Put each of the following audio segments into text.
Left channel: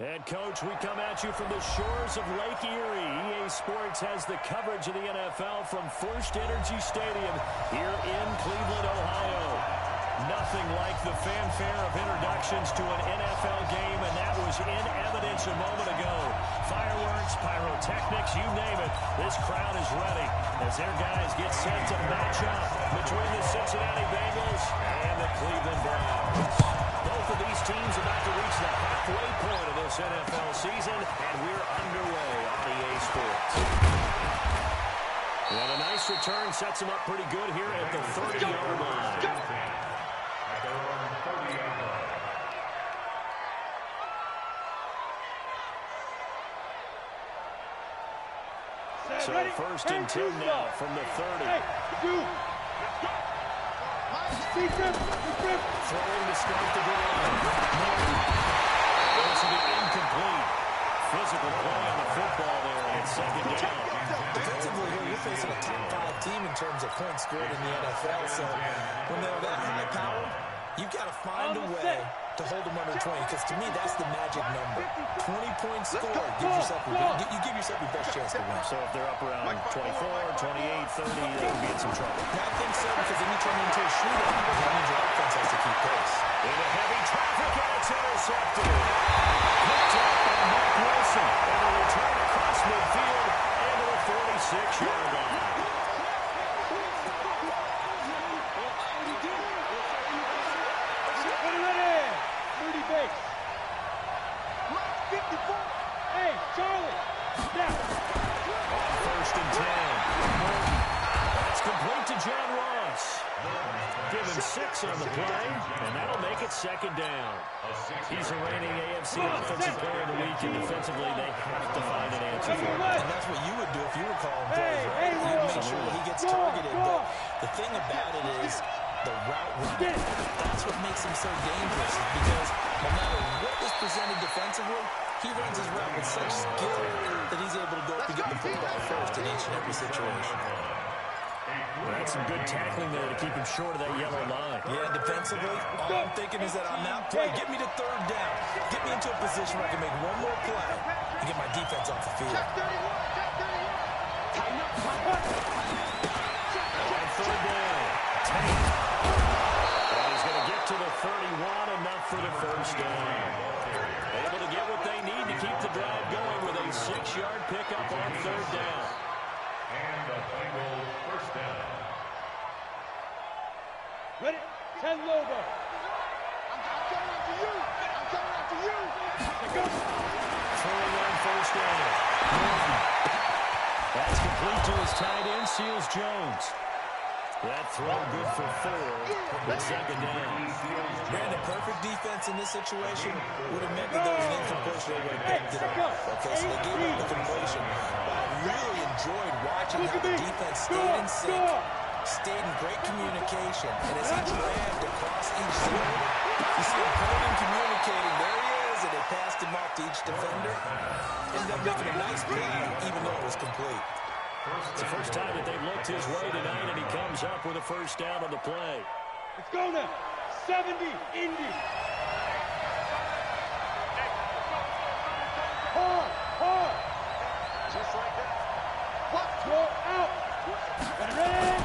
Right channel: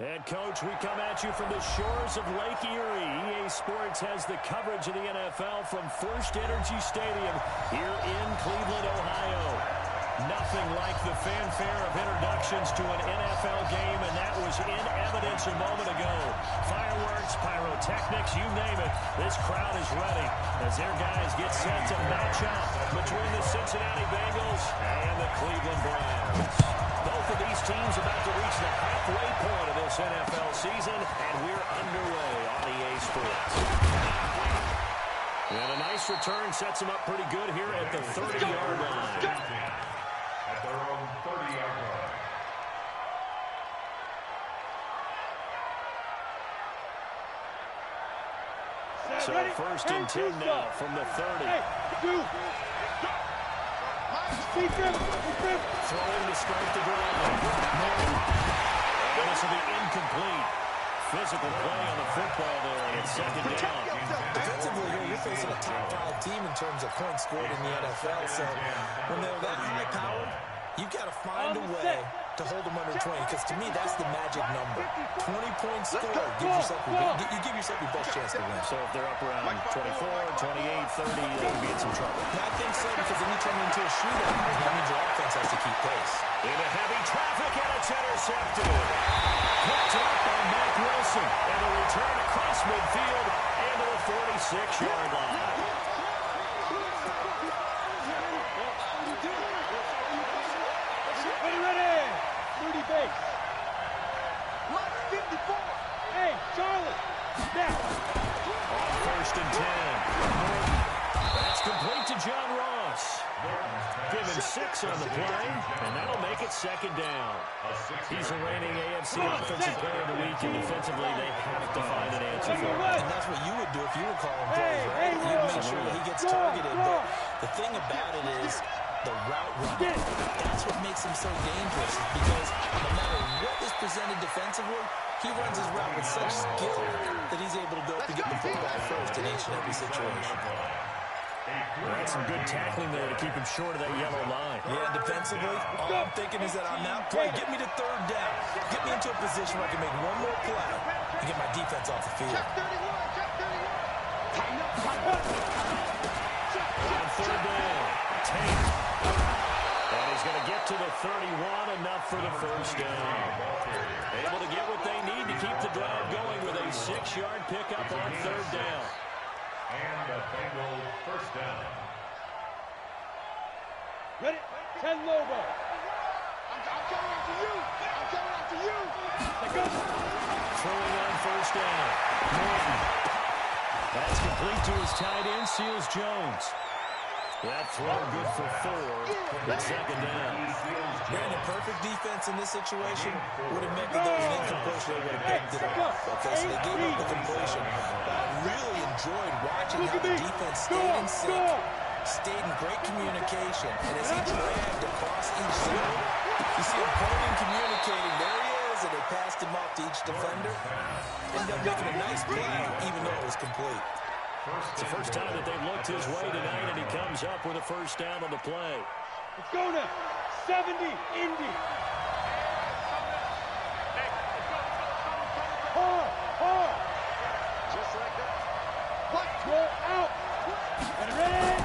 And, Coach, we come at you from the shores of Lake Erie. EA Sports has the coverage of the NFL from First Energy Stadium here in Cleveland, Ohio. Nothing like the fanfare of introductions to an NFL game, and that was in evidence a moment ago. Fireworks, pyrotechnics, you name it. This crowd is ready as their guys get set to match up between the Cincinnati Bengals and the Cleveland Browns. Both of these teams about to reach the halfway point of this NFL season, and we're underway on EA Sports. And a nice return sets them up pretty good here at the 30-yard line. At their own 30-yard line. So first and 10 now from the 30. Throwing to start the drive. And this will be incomplete. Physical play on the football there, and it's second down. Defensively here, you're facing a top-5 team in terms of points scored in the NFL. So when they're that high-powered, you've got to find a way to hold them under 20, because to me, that's the magic number. 20 points scored gives yourself you give yourself your best chance to win. So if they're up around 24, 28, 30, they would be in some trouble. I think so, because then you turn into a shootout. That means your offense has to keep pace. Into heavy traffic, and it's intercepted. Picked up by Mike Wilson, and a return across midfield into the 46-yard line. Ready, 30 base. Mike 54. Hey, Charlie, now. On first and 10. That's complete to John Ross. Given 6 on the play, and that'll make it second down. He's a reigning AFC Offensive Player of the Week, and defensively they have to find an answer for him. And that's what you would do if you were calling plays, right? You'd make sure that he gets targeted. But the thing about it is the route running. That's what makes him so dangerous, because no matter what is presented defensively, he runs his route with such skill that he's able to go up and get the football first in each and every situation. That's some good tackling there to keep him short of that yellow line. Yeah, defensively, all I'm thinking is that on that play, get me to third down. Get me into a position where I can make one more play and get my defense off the field. On third down, Tate. And he's going to get to the 31, enough for the first down. Able to get what they need to keep the drive going with a 6-yard pickup on third down. And a Bengals first down. Ready, 10 Lobo. I'm coming after you. I'm coming after you. Go. Throwing on first down. Norton. That's complete to his tight end, Seals Jones. That throw good for 4, but second down. Brandon, perfect defense in this situation would have meant that there was an incompletion. They would have picked it up. Okay, so they gave up the completion. But I really enjoyed watching how the defense stayed in sync, stayed in great communication, and as he dragged across each zone, you see him pointing and communicating. There he is, and they passed him off to each defender. Ended up making a nice play, even though it was complete. It's the first time that they've looked his way tonight, and he comes up with a first down on the play. Let's go now. 70, Indy. Hard. Just like that. What? Go out. Ready?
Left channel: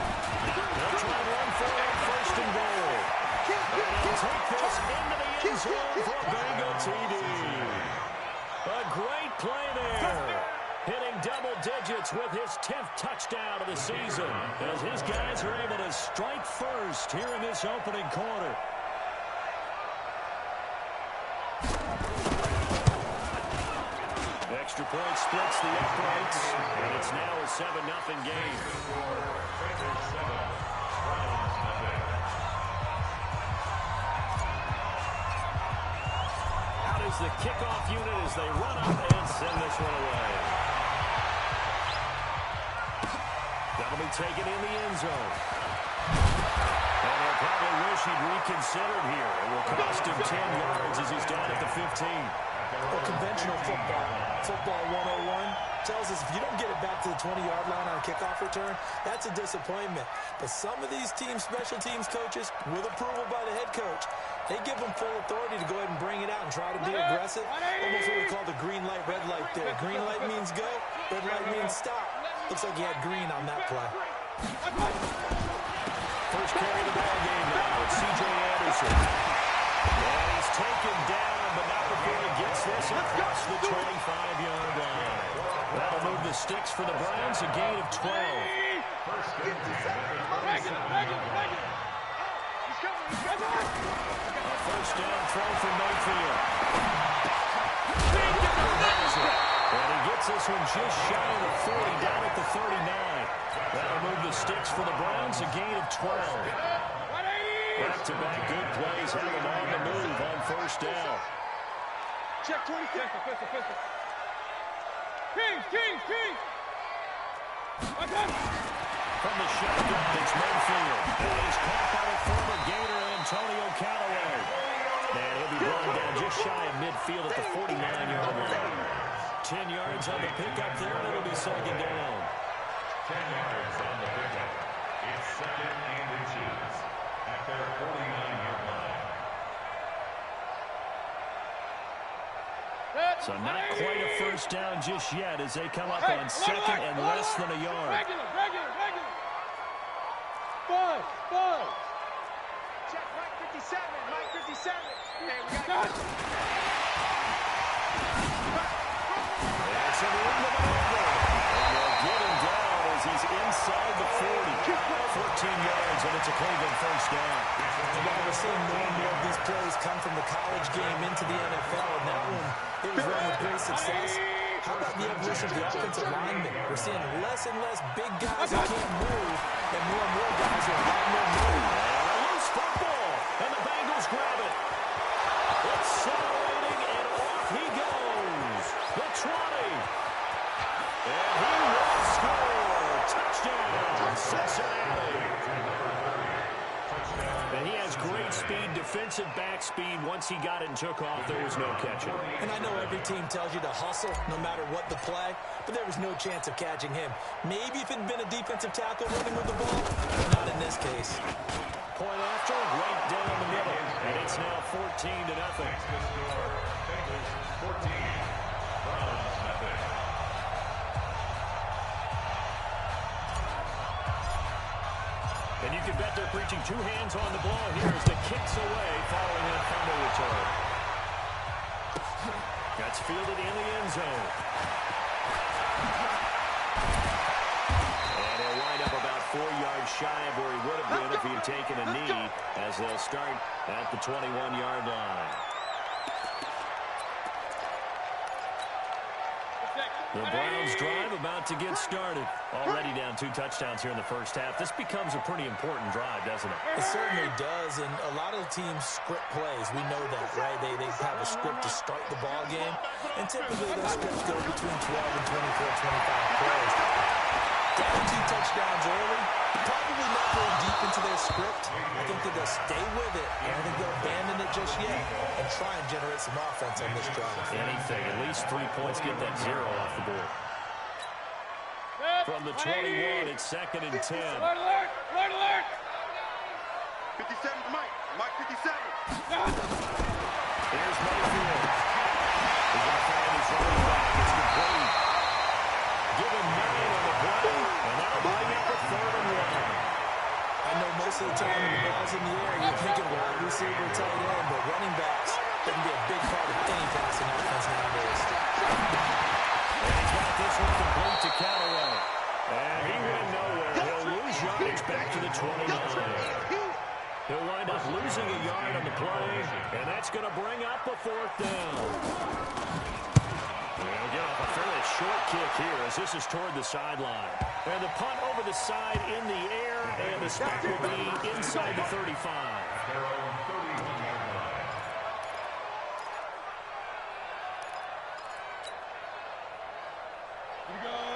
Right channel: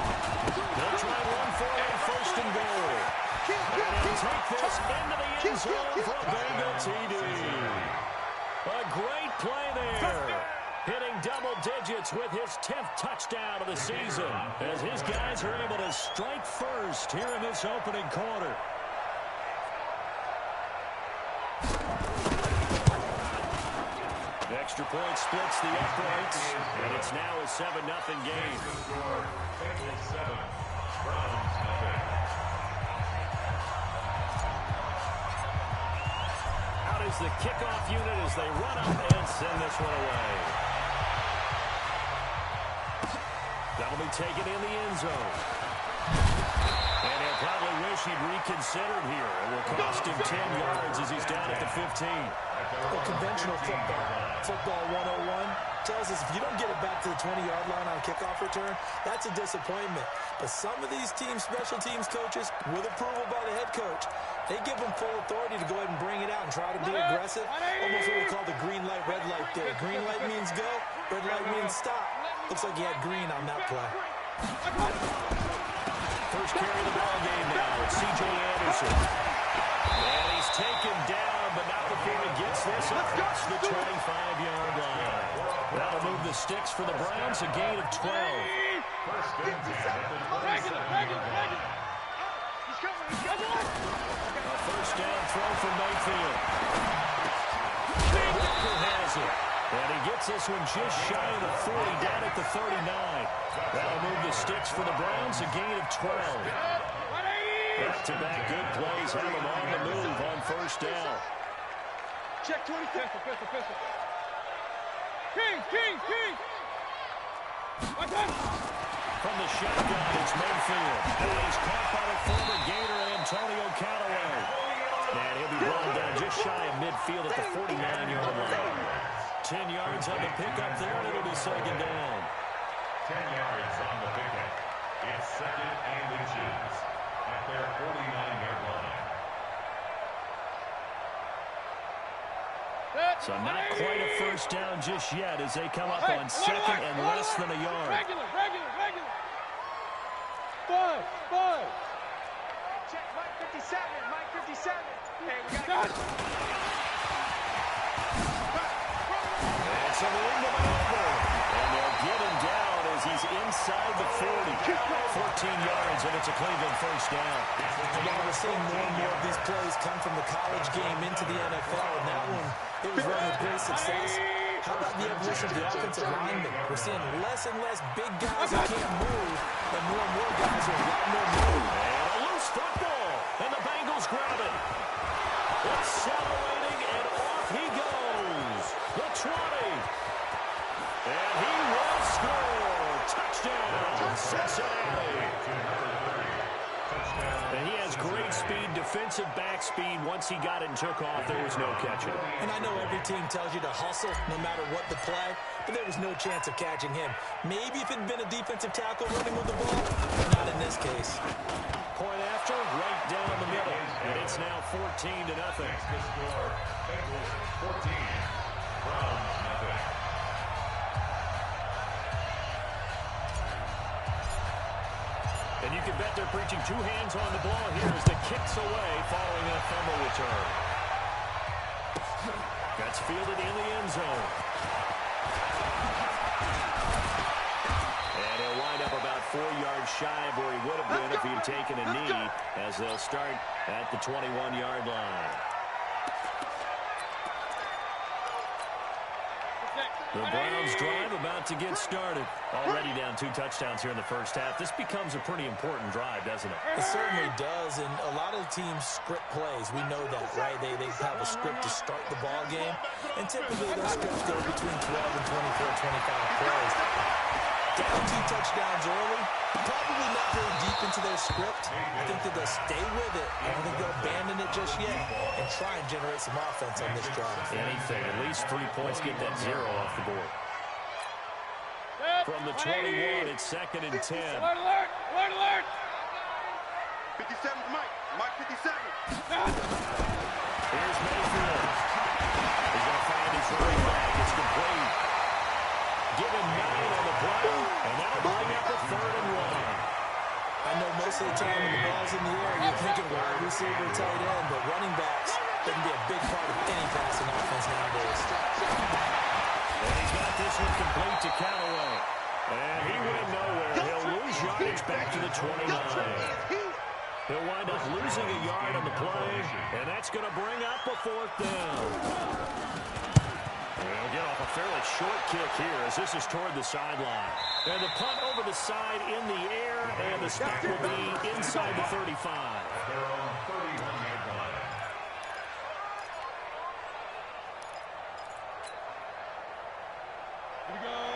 They'll try and run for it, first and goal. And he'll take this into the end zone for a Bengal TD. A great play there. Hitting double digits with his 10th touchdown of the season, as his guys are able to strike first here in this opening quarter. Extra point splits the uprights, and it's now a 7-0 game. Bengals 7, Browns nothing. Out is the kickoff unit as they run up and send this one away. That'll be taken in the end zone. And he'll probably wish he'd reconsidered here. It will cost him 10 yards as he's down at the 15. Well, conventional football 101, tells us if you don't get it back to the 20-yard line on a kickoff return, that's a disappointment. But some of these teams, special teams coaches, with approval by the head coach, they give them full authority to go ahead and bring it out and try to be aggressive. Almost what we call the green light, red light there. Green light means go, red light means stop. Looks like he had green on that play. First carry of the ball game now. It's C.J. Anderson. And he's taken down, but not before he gets this across the 25-yard line. That'll move the sticks for the Browns, a gain of 12. A first down throw for Mayfield. Walker has it. And he gets this one just shy of the 40, down at the 39. That'll move the sticks for the Browns, a gain of 12. Back-to-back good plays have them on the move on first down. Check 20. King. From the shotgun, it's Mayfield. And he's caught by the former Gator, Antonio Callaway. And he'll be brought down just shy of midfield at the 49-yard line. 10 yards on the pickup there, and it'll be second down. 10 yards on the pickup. It's second and inches at their 49-yard line. So not quite a first down just yet as they come up on second and less than a yard. Regular. Five. Hey, check Mike 57. Hey, we got it. It's a room to maneuver. And they'll get him down as he's inside the 40. 14 yards, and it's a Cleveland first down. And while we're seeing more and more of these plays come from the college game into the NFL, and that one, it was run with great success. How about the evolution of the offensive linemen? We're seeing less and less big guys who can't move, and more guys who have a lot more move. And a loose football, and the Bengals grab it. Accelerating, and off he goes. The 20. And he will score. Touchdown, Cincinnati. And he has great speed, defensive back speed. Once he got it and took off, there was no catching. And I know every team tells you to hustle no matter what the play, but there was no chance of catching him. Maybe if it had been a defensive tackle running with the ball, but not in this case. Point after, right down the middle. And it's now 14-0. The score, Bengals 14, Browns nothing. And you can bet they're preaching two hands on the ball here as the kick's away following that fumble return. That's fielded in the end zone. And he'll wind up about 4 yards shy of where he would have been if he had taken a knee, as they'll start at the 21-yard line. The Browns drive about to get started. Already down 2 touchdowns here in the first half. This becomes a pretty important drive, doesn't it? It certainly does, and a lot of teams script plays. We know that, right? They have a script to start the ball game, and typically those scripts go between 12 and 24, 25 plays. Down 2 touchdowns early, probably not very deep into their script. I think that they'll stay with it. I don't think they'll abandon it just yet and try and generate some offense on this drive. Anything, at least 3 points, get that 0 off the board. From the 21, it's second and 10. Alert! 57 to Mike. Mike 57. Here's Mayfield. He's going to find his running back. It's complete. Give him 9 on the play, and that'll bring up a 3rd and 1. I know most of the time when the ball's in the air, you're thinking wide receiver, tight end, but running backs can be a big part of any passing offense nowadays. And he's got this one complete to Callaway. And he went nowhere. He'll lose yardage back to the 29. He'll wind up losing a yard on the play, and that's going to bring up a 4th down. He'll get off a fairly short kick here as this is toward the sideline. And the punt over the side in the air, and the spot will be inside the 35. At their own 31-yard line.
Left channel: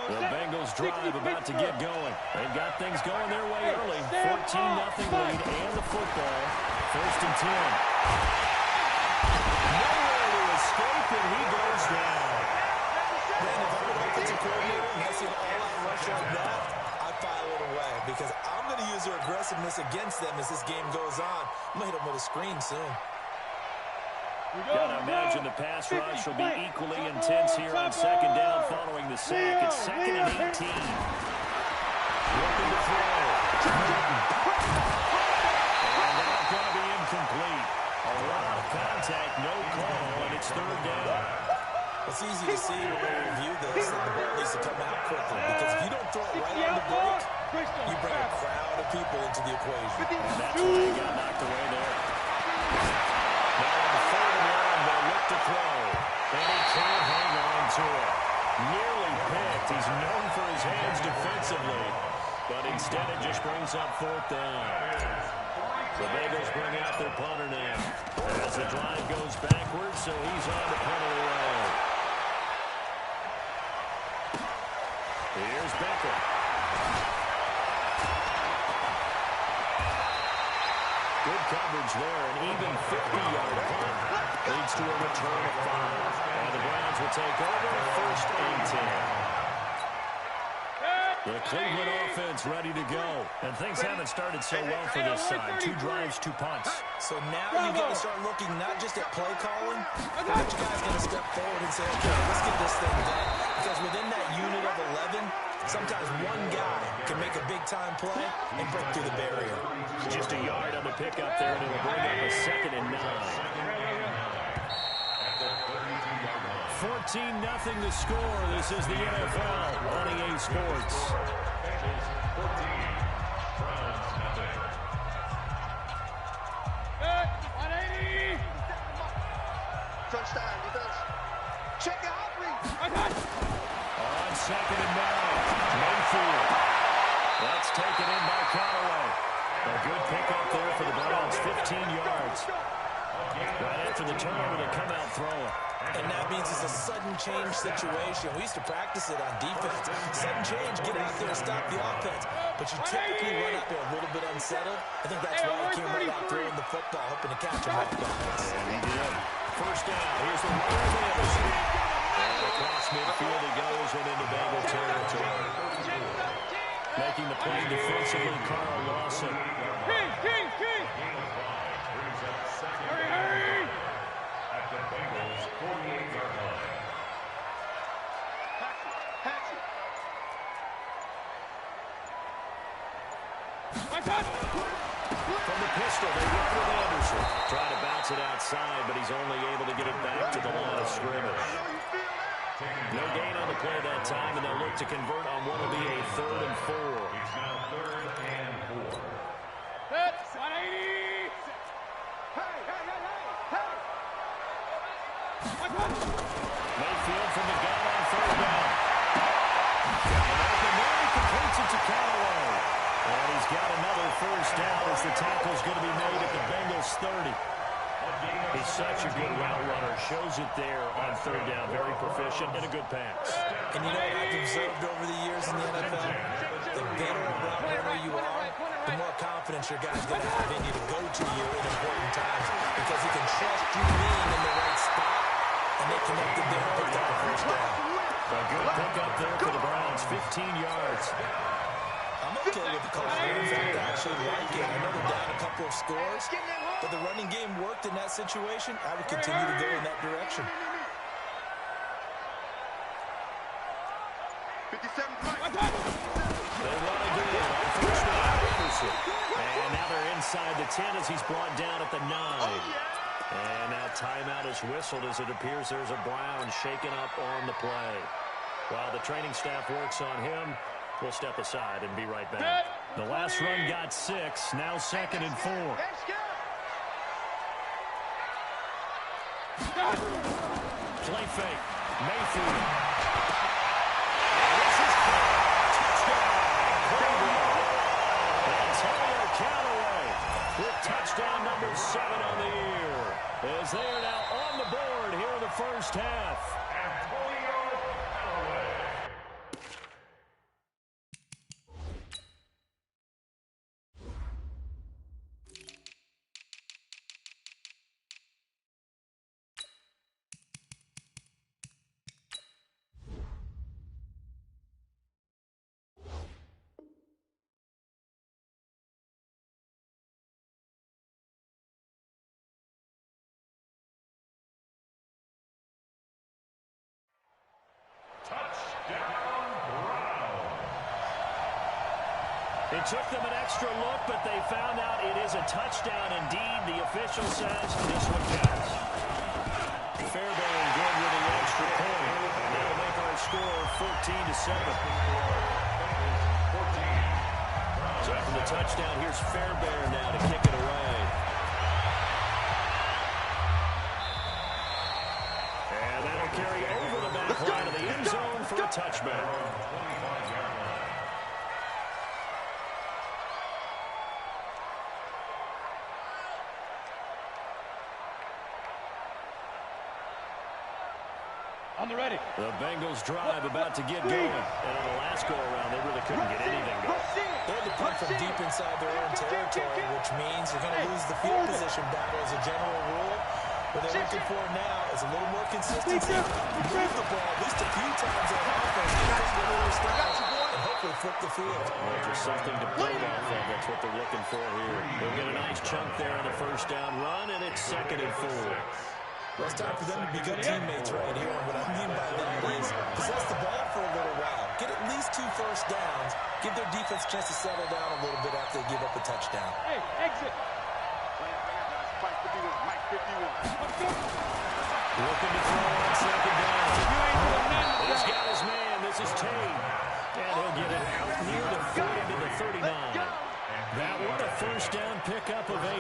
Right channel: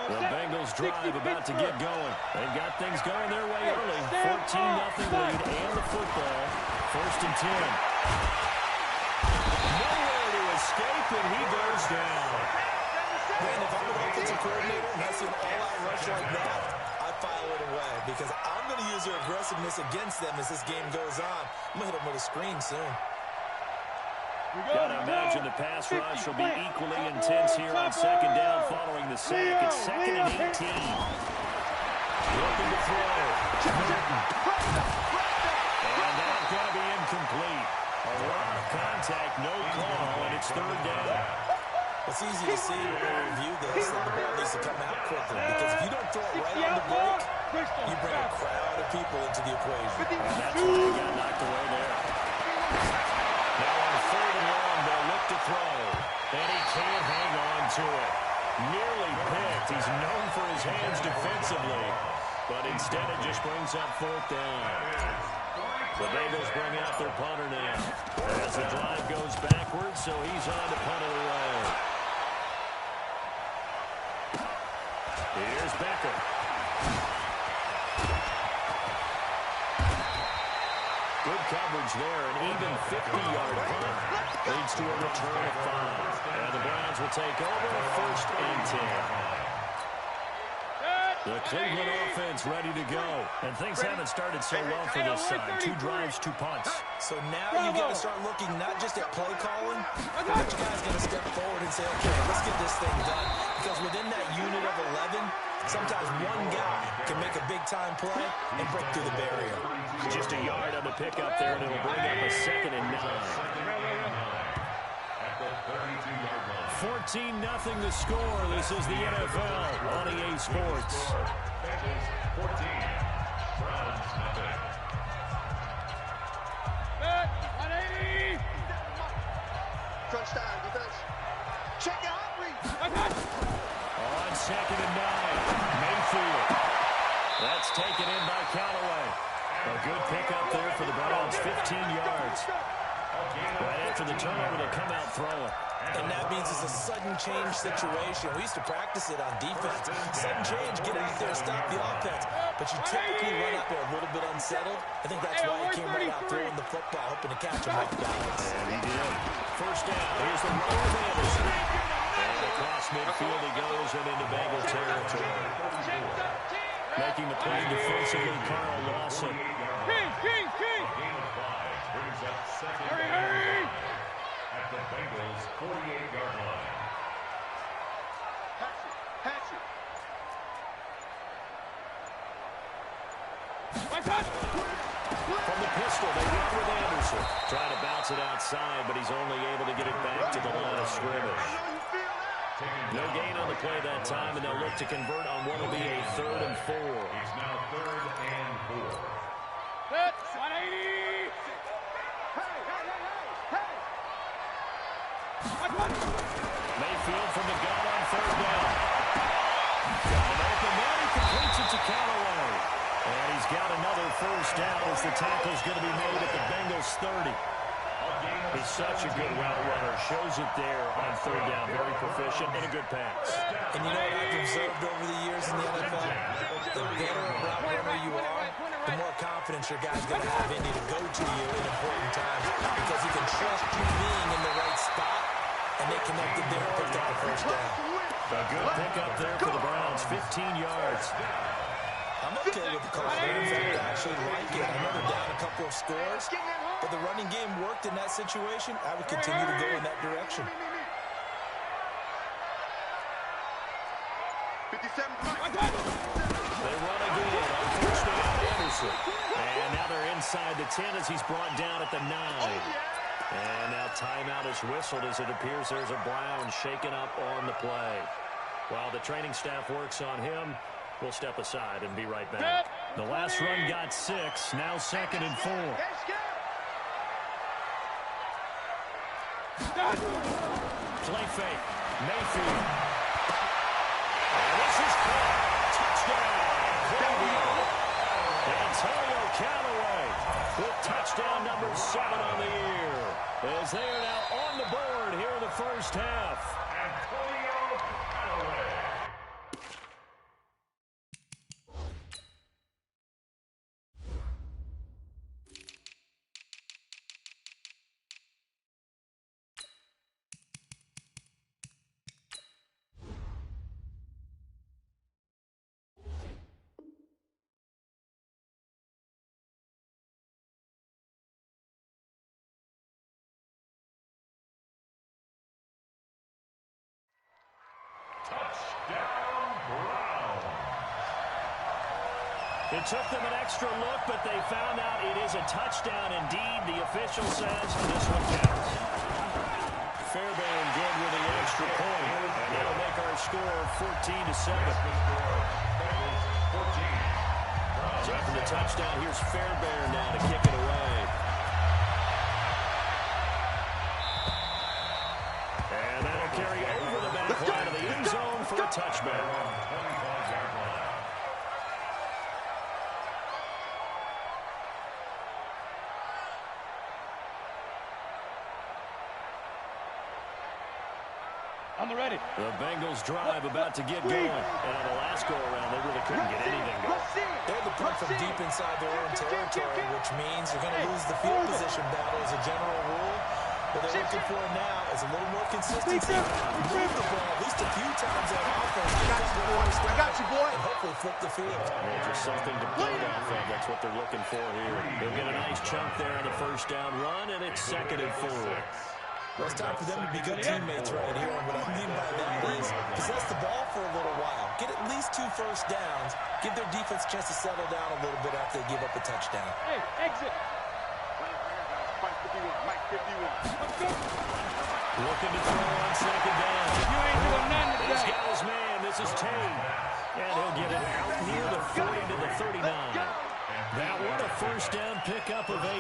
The Bengals drive about to get going. They've got things going their way early. 14-0 lead and the football. 1st and 10. Nowhere to escape, and he goes down. Man, if I'm an offensive coordinator and I see an all-out rush like that, I file it away because I'm going to use their aggressiveness against them as this game goes on. I'm going to hit them with a screen soon. Gotta imagine the pass rush will be equally intense here on second down following the sack. It's 2nd and 18. Looking to throw. And that's going to be incomplete. A lot of contact, no call, and it's 3rd down. It's easy to see when we review this that the ball needs to come out quickly because if you don't throw it right on the break, you bring a crowd of people into the equation. And that's why he got knocked away there. Now on 3rd and long, they'll look to throw. And he can't hang on to it. Nearly picked. He's known for his hands defensively. But instead it just brings up 4th down. The Bengals bring out their punter now. As the drive goes backwards, so he's on to punt it away. Here's Becker. Good coverage there. An even 50-yard punt leads to a return of 5. And the Browns will take over 1st and 10. The Cleveland offense ready to go. And things haven't started so well for this side. 2 drives, 2 punts. So now you've got to start looking not just at play calling, but you guys got to step forward and say, okay, let's get this thing done. Because within that unit of 11, sometimes one guy can make a big-time play and break through the barrier. Just a yard on the pickup there, and it'll bring up a 2nd and 9. At the 32-yard line. 14-0 the score. This is the NFL on EA Sports. Bengals 14, Browns nothing. 180. Crunch time, defense. Check out, read. On 2nd and 9, Mayfield. That's taken in by Callaway. A good pickup there for the Browns, 15 yards. Right after the turnover, they come out throwing. And that means it's a sudden change situation. We used to practice it on defense. Sudden change, get out there, stop the offense. But you typically run out there a little bit unsettled. I think that's why he came right out throwing the football, hoping to catch him off balance. And he did. 1st down. Here's the runner of Anderson. And across midfield he goes and into Bengal territory. Making the play defensively, Carl Lawson. King. Gain of 5 brings up 2nd Hurry. at the Bengals 48-yard line. Hatchet. From the pistol, they run with Anderson. Trying to bounce it outside, but he's only able to get it back to the line of scrimmage. No gain on the play that time, and they'll look to convert on what will be a 3rd and 4. It's now 3rd and 4. Set. 180. Mayfield from the gun on 3rd down. Got an open man. He completes it to Callaway. And he's got another 1st down as the tackle's going to be made at the Bengals 30. He's such a good route runner. Shows it there on 3rd down. Very proficient and a good pass. And you know what I've observed over the years in the NFL? The better a route runner you are, the more confidence your guy's going to have in you to go to you in important times because he can trust you being in the right spot, and they connected there and picked up the 1st down. A good pickup there for the Browns. 15 yards. I'm okay with the call. In fact, I actually like it. I know they're down a couple of scores, but the running game worked in that situation. I would continue to go in that direction. 57. They run again on 1st down. Anderson. And now they're inside the 10 as he's brought down at the 9. And now timeout is whistled as it appears there's a Brown shaken up on the play. While the training staff works on him, we'll step aside and be right back. The last run got 6. Now 2nd and 4. Play fake. Mayfield. And this is caught. Touchdown. Antonio Callaway with touchdown number 7 on the year. As they are now on the board here in the 1st half. Antonio Callaway. Touchdown, Browns. It took them an extra look, but they found out it is a touchdown indeed. The official says this one counts. Fairbairn good with the extra point, and that'll make our score 14-7. So after the touchdown, here's Fairbairn now to kick it away. And that'll carry over the back line of the end zone for a touchback. On the ready. The Bengals drive about to get going. And on the last go-around, they really couldn't get anything going. They're the punt from deep inside their own territory, which means you're going to lose the field position battle as a general rule. What they're looking for now is a little more consistency. Move the ball at least a few times on offense. I got you, boy. And hopefully flip the field. Well, just something to build off of. That's what they're looking for here. They'll get a nice chunk there on the first down run, and it's 2nd and 4. Well, it's time for them to be good teammates right here. And what I mean by that is possess the ball for a little while. Get at least 2 first downs. Give their defense a chance to settle down a little bit after they give up a touchdown. Hey, exit. Mike 51. Mike 51. Let's go. Looking to throw on 2nd down. You ain't doing nothing today. He's got his man. This is Tate. And he'll get it out near the 40 to the 39. That one a first down pickup of 8.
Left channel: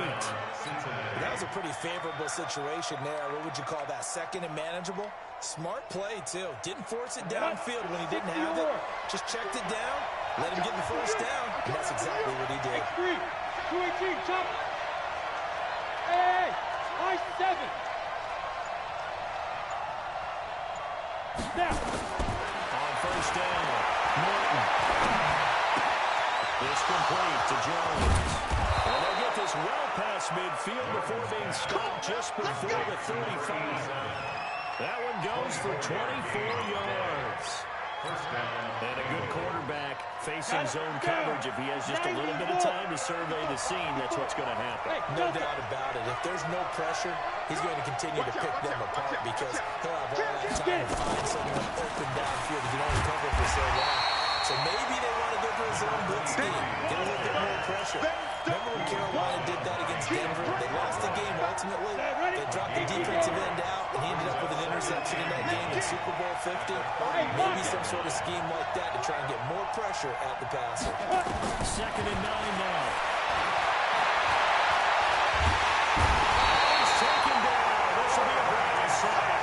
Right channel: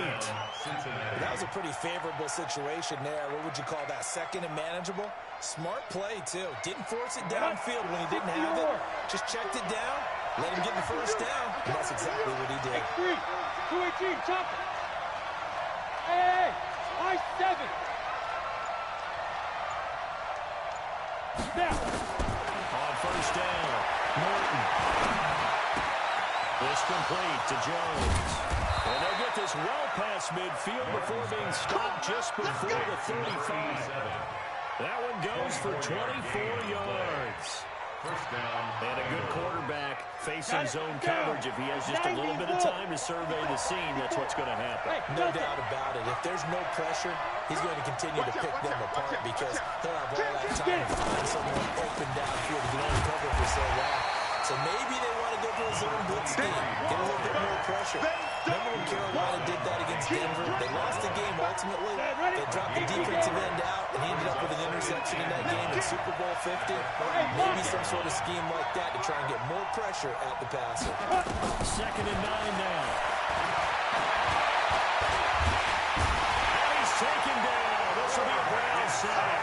That was a pretty favorable situation there. What would you call that? 2nd and manageable? Smart play, too. Didn't force it downfield when he didn't have it. Just checked it down, let him get the first down, and that's exactly what he did. X3, 218, chop. Hey, I-7. Snap. On first down, Norton. This complete to Jones. And they'll get this well past midfield before being stopped just before the 35. That one goes for 24 yards. And a good quarterback facing zone coverage. If he has just a little bit of time to survey the scene, that's what's going to happen. No doubt about it. If there's no pressure, he's going to continue to pick them apart because he'll have all that time to find someone open downfield. He can only cover for so long. So maybe they want to go to a zone blitz scheme, get a little bit more pressure. Remember when Carolina did that against Denver? They lost the game ultimately. They dropped the defensive end out, and he ended up with an interception in that game in Super Bowl 50. Maybe some sort of scheme like that to try and get more pressure at the passer. 2nd and 9 now. He's taken down. This will be a Brown sack.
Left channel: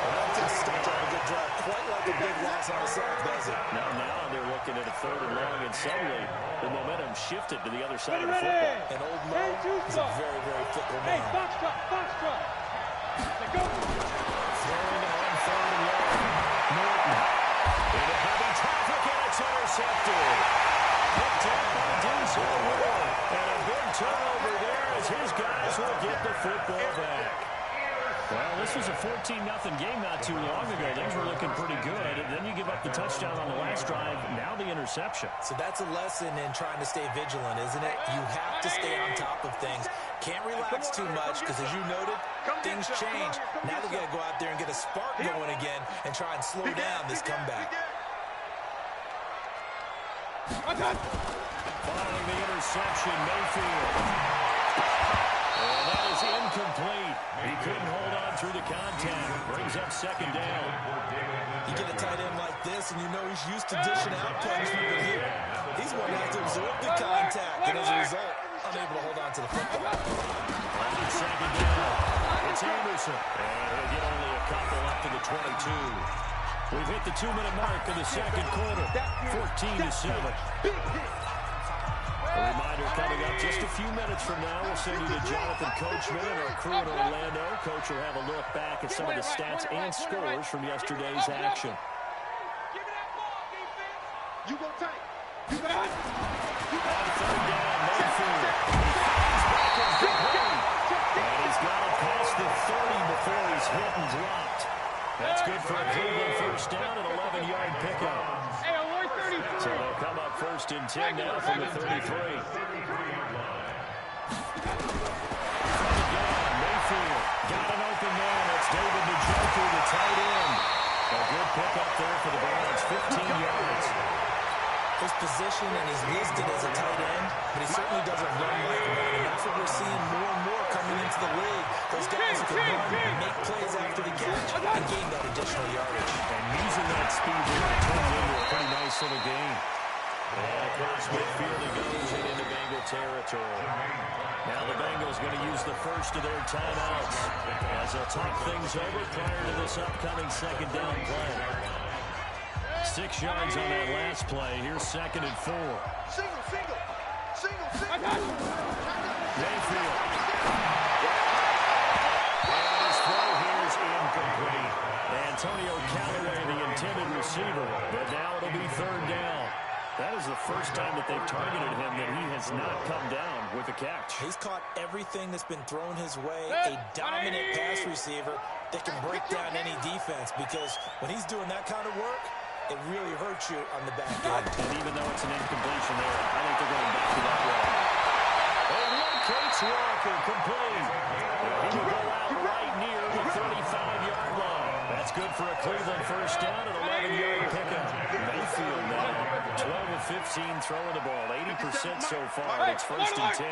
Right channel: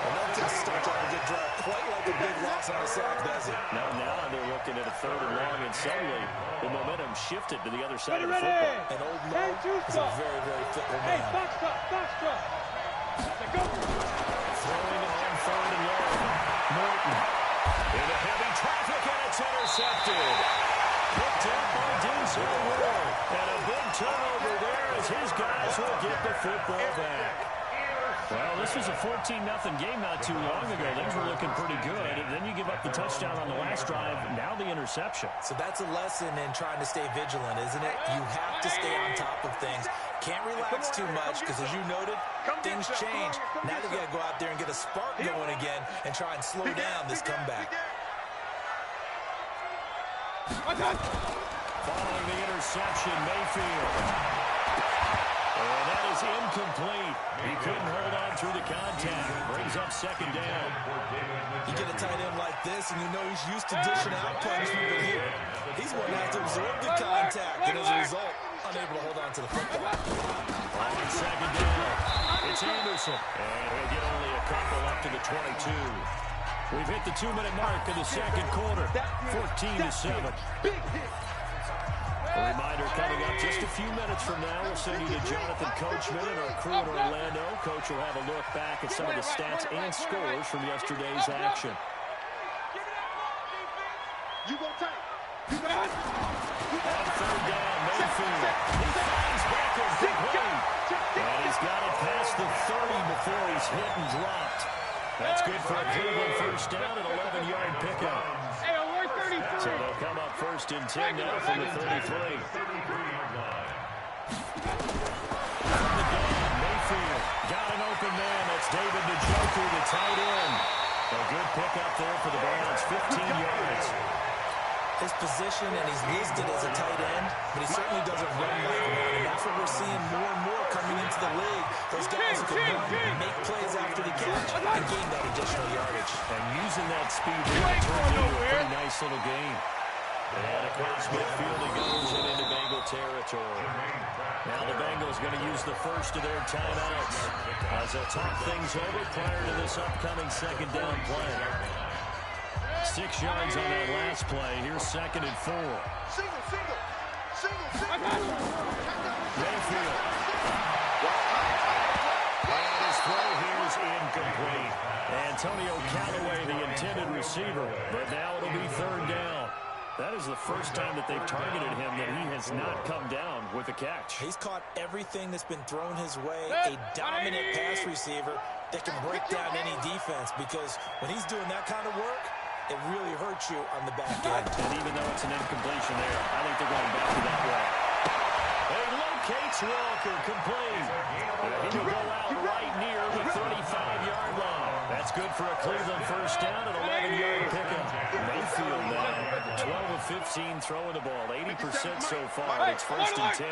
Well, that just starts off a good drive, quite like a big loss on a sack, does it? Now they're looking at a 3rd and long, and suddenly the momentum shifted to the other side of the football. And old Mo is a very, very fickle man. Hey, box truck. Let's go. Throwing on 3rd and long. Norton into heavy traffic, and it's intercepted. Picked up by Denzel Ward. And a big turnover there as his guys will get the football back. Well, this was a 14-0 game not too long ago. Things were looking pretty good. And then you give up the touchdown on the last drive. Now the interception. So that's a lesson in trying to stay vigilant, isn't it? You have to stay on top of things. Can't relax too much because, as you noted, things change. Now they've got to go out there and get a spark going again and try and slow down this comeback. Following the interception, Mayfield. And that is incomplete. He couldn't hold on through the contact. Brings up 2nd down. You get a tight end like this, and you know he's used to dishing out punishment, but here, he's going to have to absorb the contact, and as a result, unable to hold on to the football. On 2nd down, it's Anderson. And he'll get only a couple up to the 22. We've hit the 2-minute mark of the 2nd quarter, 14-7. Big hit. A reminder coming up just a few minutes from now. We'll send you to Jonathan Coachman and our crew in Orlando. Coach will have a look back at some of the stats and scores from yesterday's action. Give me that ball, defense. You go tight. You go On 3rd down, Mayfield. He finds Beckham complete. And he's got it past the 30 before he's hit and dropped. That's good for a Cleveland first down, an 11-yard pickup. Hey, alert 33. So they'll come up 1st and 10 now from the 33. Mayfield got an open man. That's David Njoku, the tight end. A good pickup there for the Browns, 15 yards. His position, and he's listed as a tight end, but he certainly doesn't run like one, and that's what we're seeing more and more coming into the league. Those guys who can run, make plays after the catch, and gain that additional yardage. And using that speed really turns into a pretty nice little game. And across midfield he goes and into Bengal territory. Now the Bengals going to use the first of their timeouts as they'll talk things over prior to this upcoming second down play. 6 yards on that last play. Here's 2nd and 4. Single. Mayfield. And his throw here is incomplete. Antonio Callaway, the intended receiver, but now it'll be 3rd down. That is the first time that they've targeted him that he has not come down with a catch. He's caught everything that's been thrown his way, a dominant pass receiver that can break down any defense, because when he's doing that kind of work, it really hurts you on the back end. And even though it's an incompletion there, I think they're going back to that way. He locates Walker, complete. He will go out right near the 35-yard line. That's good for a Cleveland first down, an 11-yard pickup. Mayfield now, 12 of 15 throwing the ball, 80% so far. It's 1st and 10.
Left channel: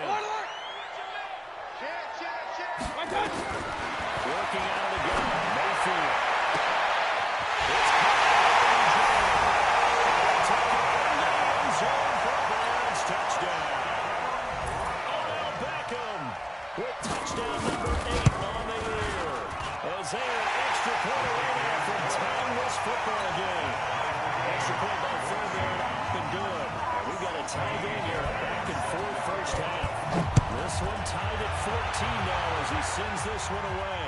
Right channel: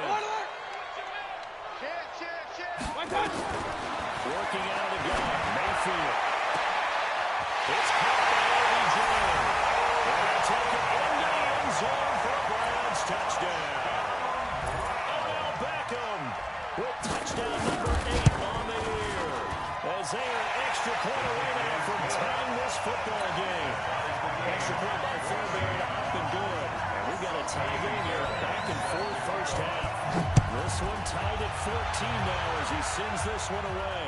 Working out of the gun, Mayfield. It's caught by OBJ. And they'll take it into the end zone for a Browns touchdown. Odell Beckham with touchdown number 8 on the year. As they are an extra point away now from tying this football game. Extra point by Fairbairn, up and good. And we've got a tie game here, back and forth first half. This one tied at 14 now as he sends this one away.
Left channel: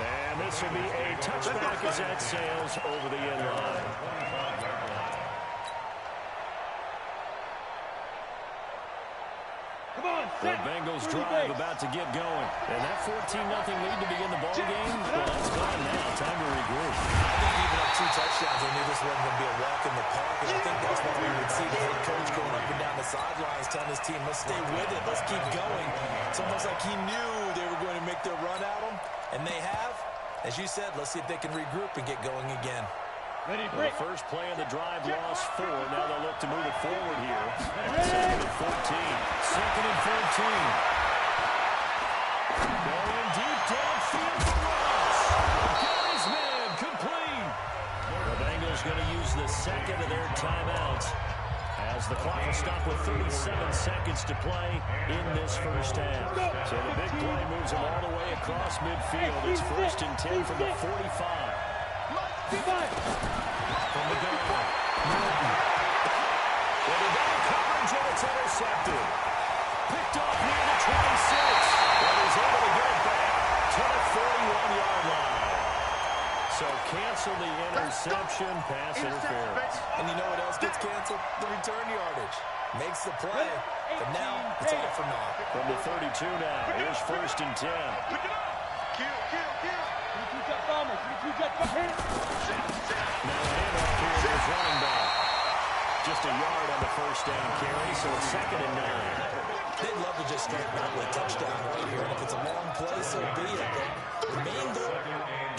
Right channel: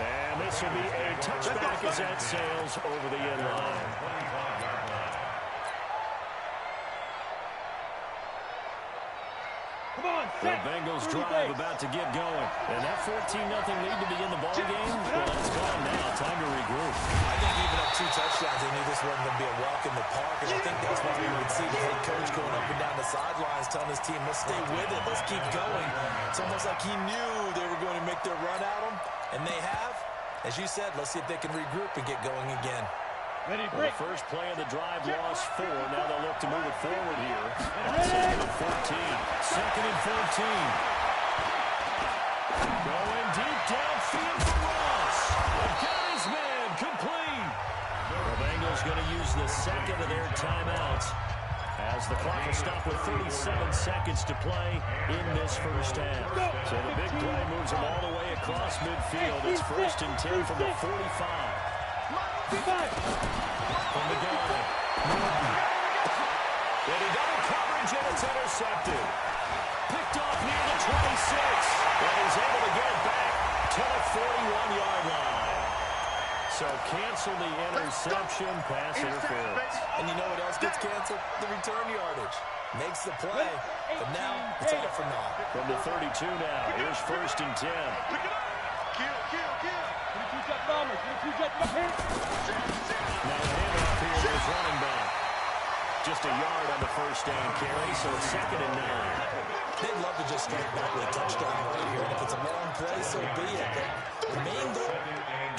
And this will be a touchback as that sails over the end line. Come on, The Bengals drive about to get going. And that 14-0 lead to begin the ball game, well, that's gone now. Time to regroup. I think even up 2 touchdowns, they knew this wasn't going to be a walk in the park, and I think that's why we would see the head coach going up and down the sidelines telling his team, let's stay with it, let's keep going. It's almost like he knew they were going to make their run at him, and they have. As you said, let's see if they can regroup and get going again. Ready, Well, the first play of the drive lost 4. Now they'll look to move it forward here. 2nd and 14. 2nd and 14. Going deep downfield for Ross. Got his man, complete. The Bengals going to use the 2nd of their timeouts as the clock will stop with 37 seconds to play in this first half. So the big play moves them all the way across midfield. It's 1st and 10 from the 45. From the gun, Norton. With a double coverage, and it's intercepted. Picked off near the 26. And he's able to get it back to the 41-yard line. So cancel the interception, pass interference. And you know what else gets canceled? The return yardage. Makes the play, but now it's all for naught. From the 32 now, here's 1st and 10. Kill. 22-jet bomber. 22-jet bomber. Now a handoff here to his running back. Just a yard on the first down carry, so it's 2nd and 9. They'd love to just strike back with a touchdown right here, and if it's a long play, so be it. But the main goal,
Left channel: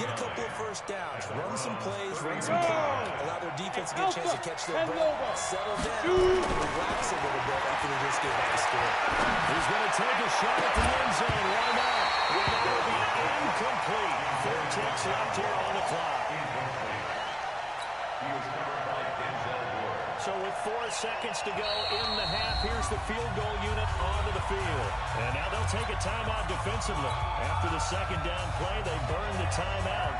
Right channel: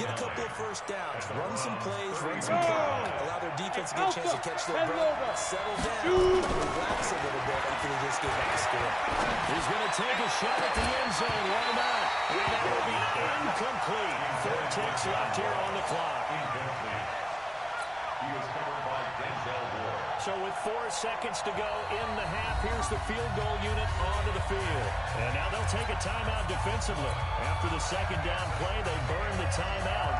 get a couple of first downs, run some plays, run some clock, allow their defense to get a chance to catch their breath, settle down, relax a little bit after they just gave up the score. He's going to take a shot at the end zone. Why not? And that will be incomplete. 4 ticks left here on the clock. He was covered by Denzel Ward. So with 4 seconds to go in the half, here's the field goal unit onto the field. And now they'll take a timeout defensively. After the second down play, they burn the timeout,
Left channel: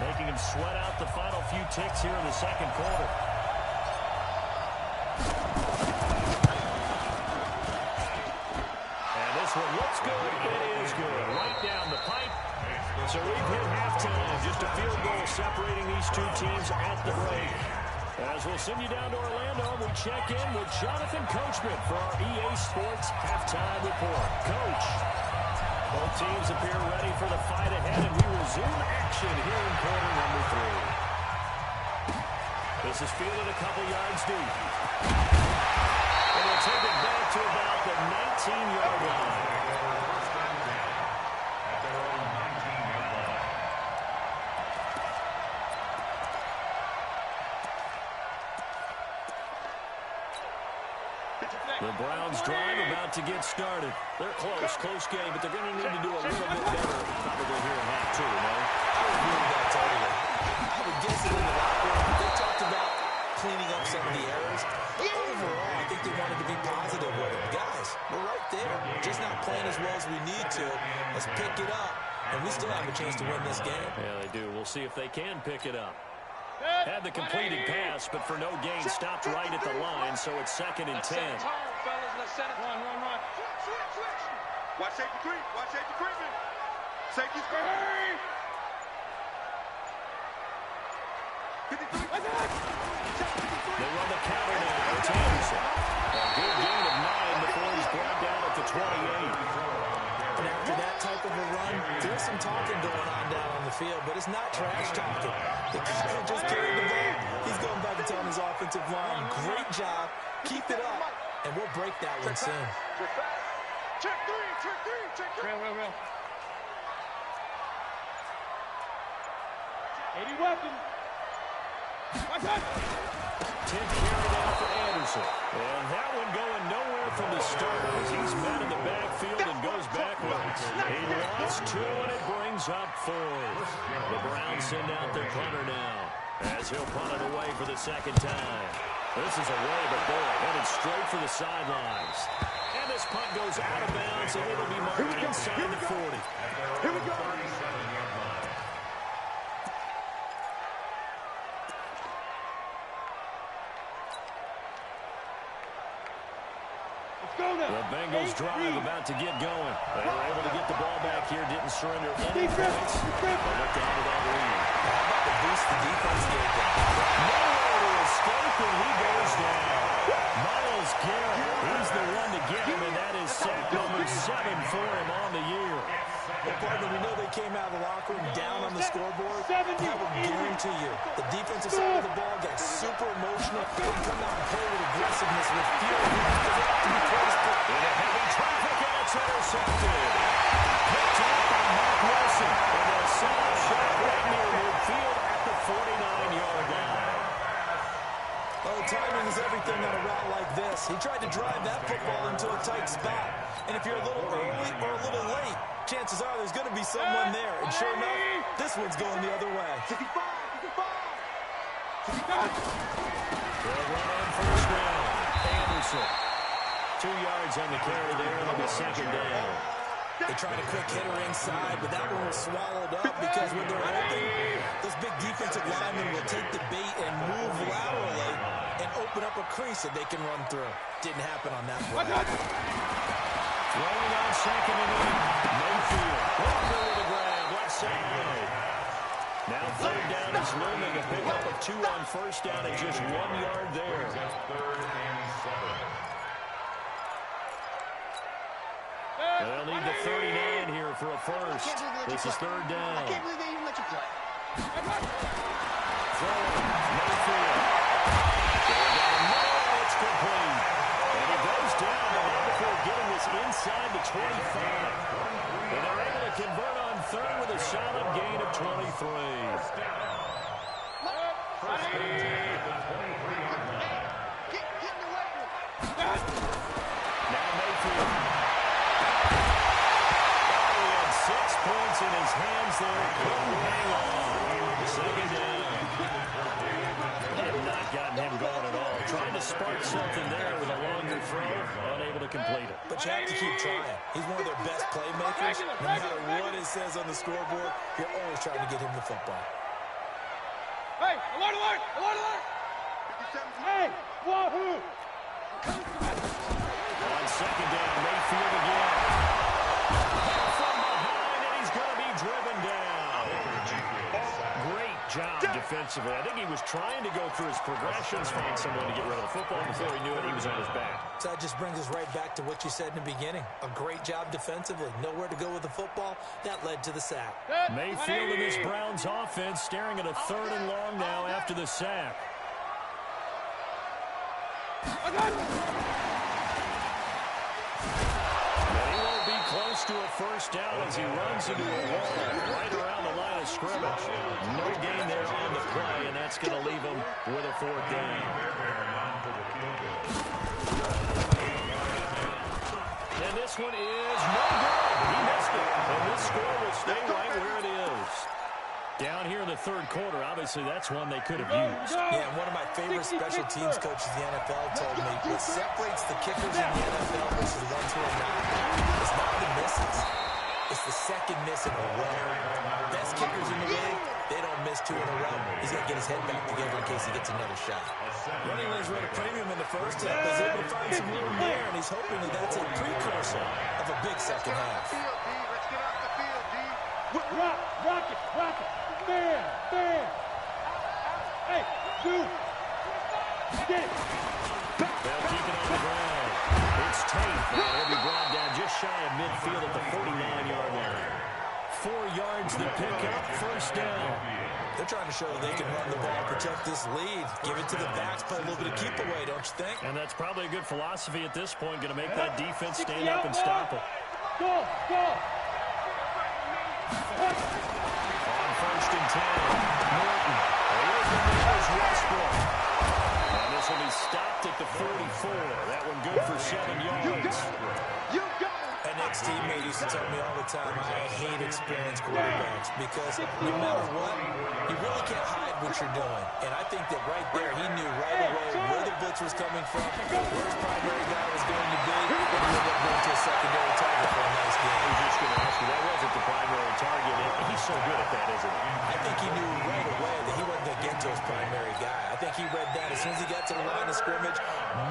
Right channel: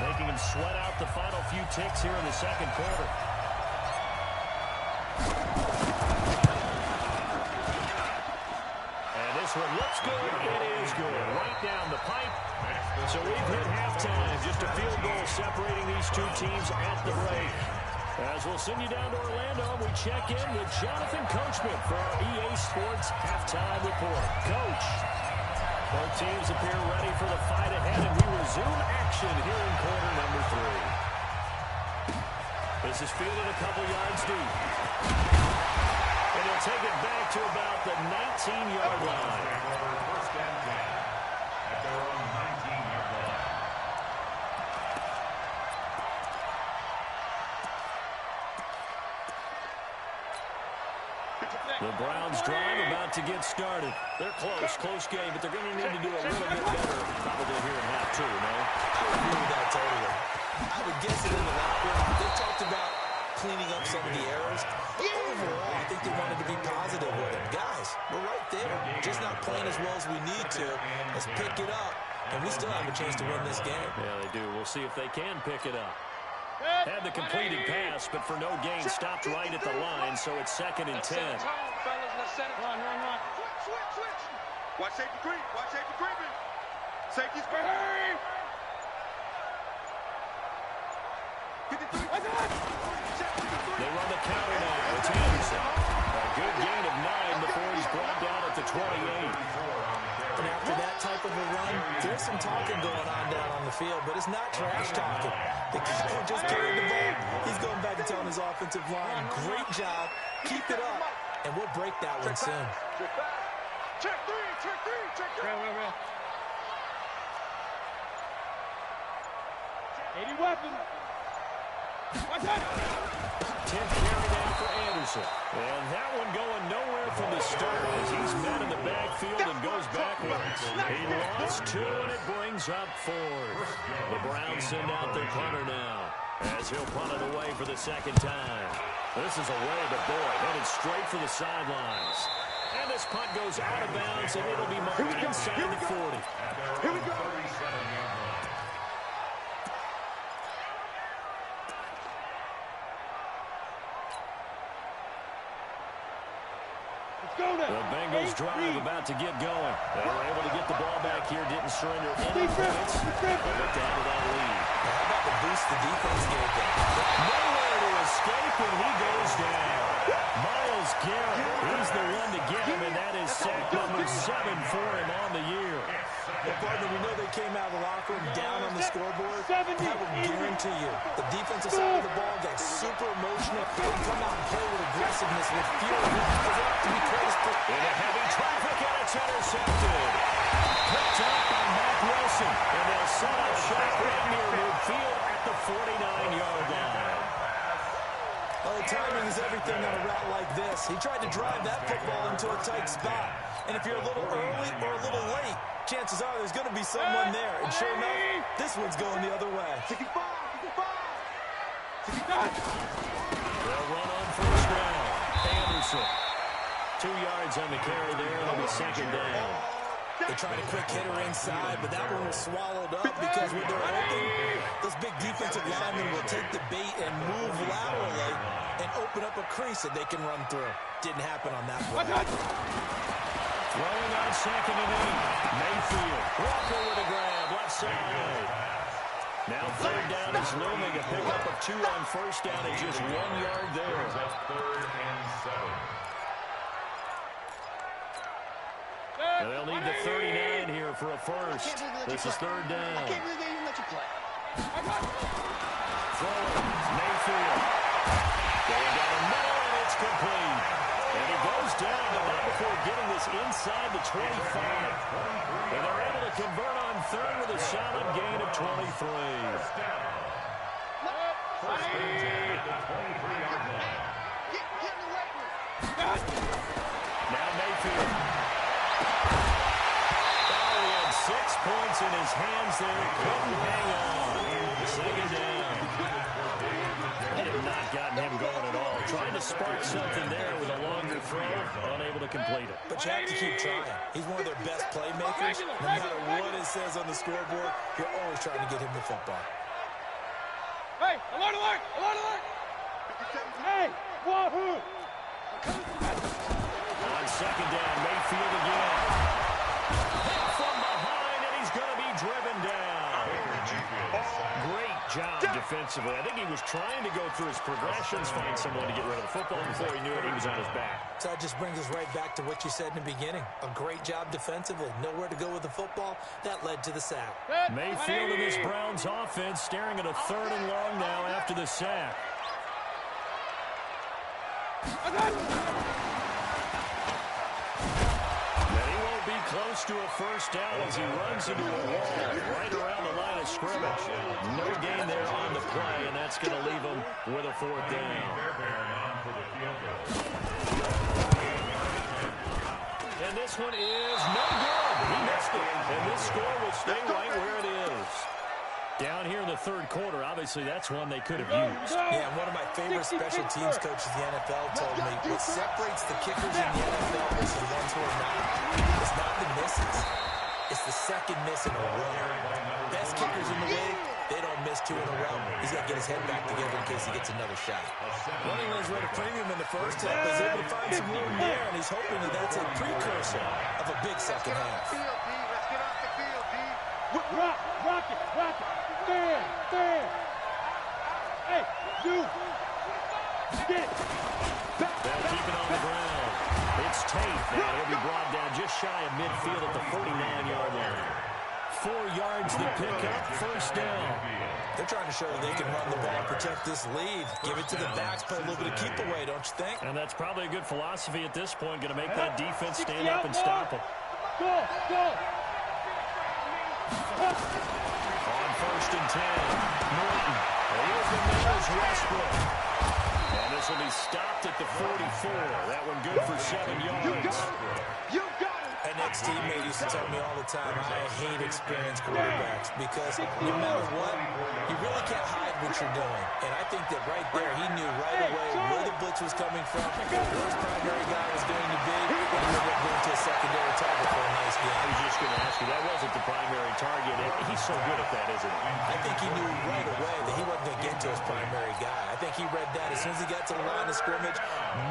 making them sweat out the final few ticks here in the second quarter. And this one looks good. It is good. Right down the pipe. So we've hit halftime. Just a field goal separating these two teams at the break. As we'll send you down to Orlando, we check in with Jonathan Coachman for our EA Sports Halftime Report. Coach, both teams appear ready for the fight ahead, and we resume action here in quarter number 3. This is fielded a couple yards deep. And they'll take it back to about the 19-yard line. First and 10 at their own 19-yard line. The Browns drive about to get started. They're close game, but they're going to need to do a little bit better probably here in half two, no? I would agree with that totally. I would guess it in the locker room. They talked about cleaning up some of the errors. But overall, I think they wanted to be positive with it. Guys, we're right there. Just not playing as well as we need to. Let's pick it up, and we still have a chance to win this game. Yeah, they do. We'll see if they can pick it up. Had the completed pass, but for no gain, stopped right at the line, so it's 2nd and 10. Run. Switch. Watch safety creep. Watch safety creeping. Safety's creeping. 53. They run the counter now. It's Anderson. A good gain of 9 before he's brought down at the 28. And after that type of a run, there's some talking going on down on the field, but it's not trash talking. The guy who just carried the ball, he's going back and telling his offensive line, great job, keep it up, and we'll break that one soon. Check three. Real. 80 weapon. Watch out. 10th carry down for Anderson. And that one going nowhere from the start as he's met in the backfield and goes backwards. He lost 2, and it brings up 4th. The Browns send out their punter now as he'll punt it away for the 2nd time. This is away, but boy, headed straight for the sidelines. And this punt goes out of bounds, and it'll be marked inside the 40. Here we go. The Bengals drive about to get going. They were able to get the ball back here, didn't surrender any points. They looked out of that lead. How about the boost the defense gave them? Nowhere to escape, and he goes down. Myles Garrett, he's the one to get him, and that is sack number 7 for him on the year. Well, partner, we know they came out of the locker room down on the scoreboard. I will guarantee you, the defensive side of the ball got super emotional. They come out and play with aggressiveness, with fury, because they have to be close to. Into heavy traffic, and it's intercepted. Picked up by Matt Wilson, and they'll set up shot right near midfield at the 49-yard line. Oh, timing is everything on a route like this. He tried to drive that football into a tight spot. And if you're a little early or a little late, chances are there's going to be someone there. And sure enough, this one's going the other way. 55. They'll run on first down. Anderson. 2 yards on the carry there. It'll be 2nd down. They tried a quick hitter inside, but that one was swallowed up because when they're open, those big defensive linemen will take the bait and move laterally and open up a crease that they can run through. Didn't happen on that play. Throwing on 2nd and 8. Mayfield. Walker with a grab. Left side. Now 3rd down is looming. A pickup of 2 on first down and just 1 yard there. 3rd and 7. And they'll need the 39 here for a first. This is 3rd down. I can't believe they even let you play. Throwing. Mayfield. Going down the middle, and it's complete. And he goes down, but not before getting this inside the 25. And they're able to convert on 3rd with a solid gain of 23. First and 10 at the 23-yard line. Get in the weight room. Now Mayfield. Oh, he had 6 points in his hands there. Couldn't hang on. 2nd down. They have not gotten him going at all. Trying to spark something there with a longer throw. Unable to complete it. But you have to keep trying. He's one of their best playmakers. No matter what it says on the scoreboard, you're always trying to get him the football. Hey, alert! Hey, wahoo! On 2nd down, Mayfield again. Hit from behind, and he's going to be driven down. Great job defensively. I think he was trying to go through his progressions, find someone to get rid of the football. Before he knew it, he was on his back. So that just brings us right back to what you said in the beginning. A great job defensively. Nowhere to go with the football. That led to the sack. Mayfield and this Browns offense staring at a 3rd and long now after the sack. And he won't be close to a first down as he runs into a wall right around the line line of scrimmage. No gain there on the play, and that's going to leave them with a 4th down. And this one is no good. He missed it. And this score will stay right where it is. Down here in the 3rd quarter, obviously that's one they could have used. Yeah, and one of my favorite special teams coaches in the NFL told me what separates the kickers in the NFL versus the ones who are not is not the misses. It's the second miss in a row. Best kickers in the league, they don't miss 2 in a row. He's got to get his head back together in case he gets another shot. Running lanes were at a premium in the first half. He's able to find some room there, and he's hoping that that's a precursor of a big second half. Let's get off the field, D. Rock it. Fan. Hey, Zoo. Get it. They'll keep it on the ground. It's Tate. Now he'll be brought down just shy of midfield at the 49-yard line. 4 yards to pick up, 1st down. They're trying to show that they can run the ball, protect this lead. Give it to the backs, play a little bit of keep away, don't you think? And that's probably a good philosophy at this point. Going to make that defense stand up and stop them. Go. On 1st and 10, Norton. Here's the neighbors, Westbrook. And this will be stopped at the 44. That one good for 7 yards. You got it. An ex-teammate used to tell me all the time, I hate experienced quarterbacks because no matter what, you really can't hide what you're doing. And I think that right there, he knew right away where the blitz was coming from, where his primary guy was going to be, and he ended up going to a secondary target for a nice game. I was just going to ask you, that wasn't the primary target. He's so good at that, isn't he? I think he knew right away that he wasn't going to get to his primary guy. I think he read that as soon as he got to the line of scrimmage,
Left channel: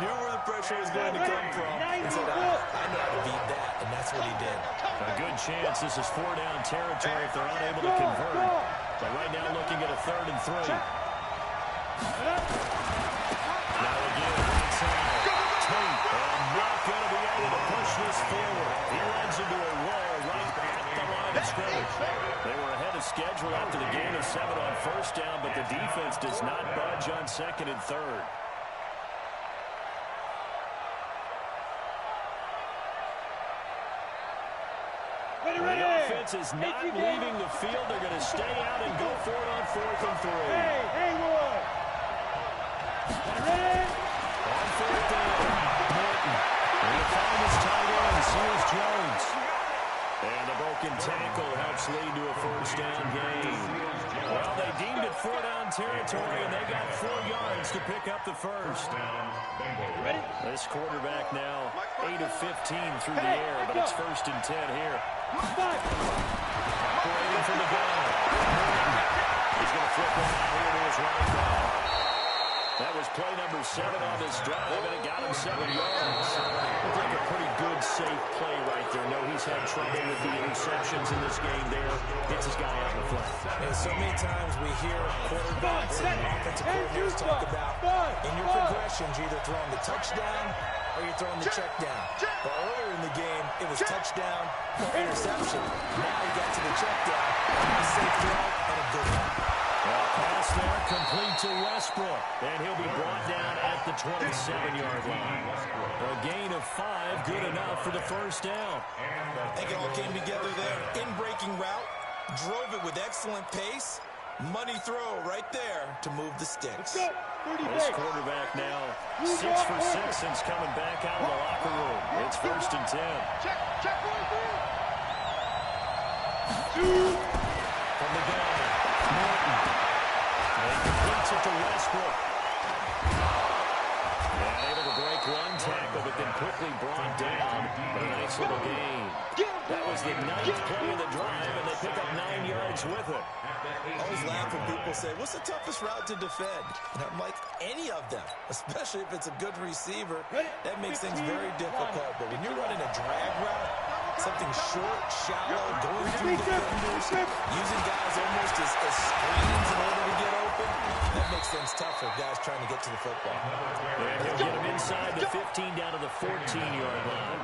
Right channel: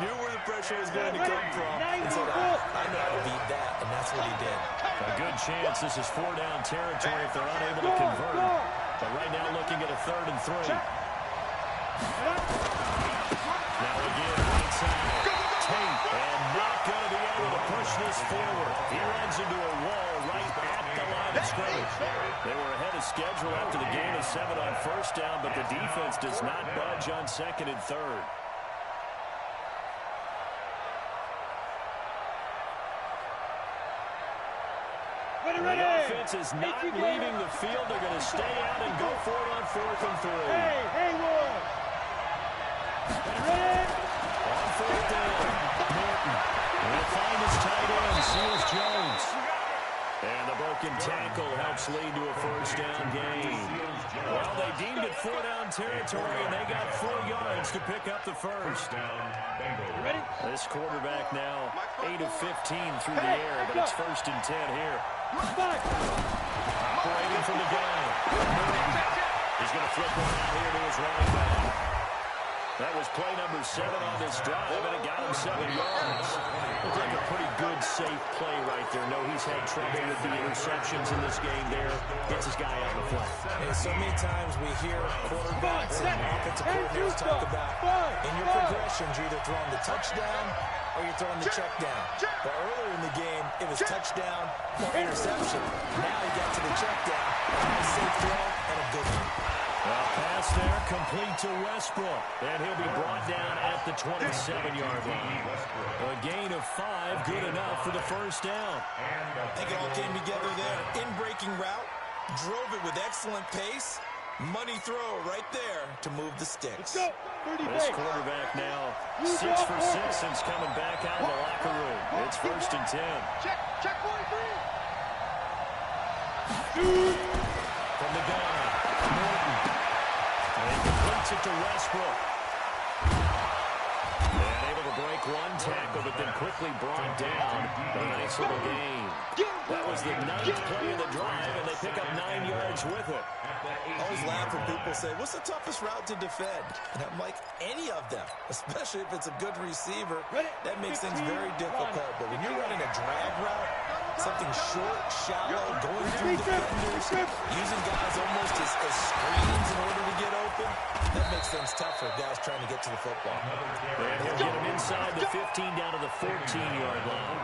knew where the pressure was going to come from, and said, I know how to beat that, and that's what he did. A good chance this is 4-down territory if they're unable to convert. But right now looking at a 3rd and 3. Now again, right side. Tate, and not going to be able to push this forward. He runs into a wall right at the line of scrimmage. They were ahead of schedule after the gain of 7 on 1st down, but the defense does not budge on 2nd and 3rd. The offense is not leaving the field. They're going to stay out and go for it on 4th and 3. Hey, Haywood. Ready? On 4th down, Norton. And he'll find his tight end, Seals Jones. And the broken tackle helps lead to a 1st down gain. Well, they deemed it 4-down territory, and they got 4 yards to pick up the 1st. Ready? This quarterback now 8 of 15 through the air, but it's 1st and 10 here. Operating from the gun. He's going to flip one out here to his running back. That was play number 7 on this drive, and it got him 7 yards. Looked like a pretty good, safe play right there. No, he's had trouble with the interceptions in this game there. Gets his guy out in the flat. And so many times we hear quarterbacks and offensive coordinators talk about in your progressions, you're either throwing the touchdown or you're throwing the check down. But earlier in the game, it was touchdown or interception. Now he got to the check down. A nice safe throw and a good one. Well, pass there, complete to Westbrook. And he'll be brought down at the 27-yard line. A gain of 5, good enough for the 1st down. I think it all came together there. In-breaking route, drove it with excellent pace. Money throw right there to move the sticks. Let's go. 30 This quarterback now 6 for 6 since coming back out of the locker room. It's 1st and 10. Check 43. From the gun, Norton. And he completes it to Westbrook. And able to break one tackle, but then quickly brought down. But a nice little gain. That was the 9th play of the drive, and they pick up 9 yards with it. I always laugh when people say, what's the toughest route to defend? And I'm like, any of them, especially if it's a good receiver. That makes things very difficult. But when you're running a drag route, something short, shallow, going through defenders, using guys almost as screens in order to get open, that makes things tough for guys trying to get to the football. And he'll get him inside the 15 down to the 14-yard line.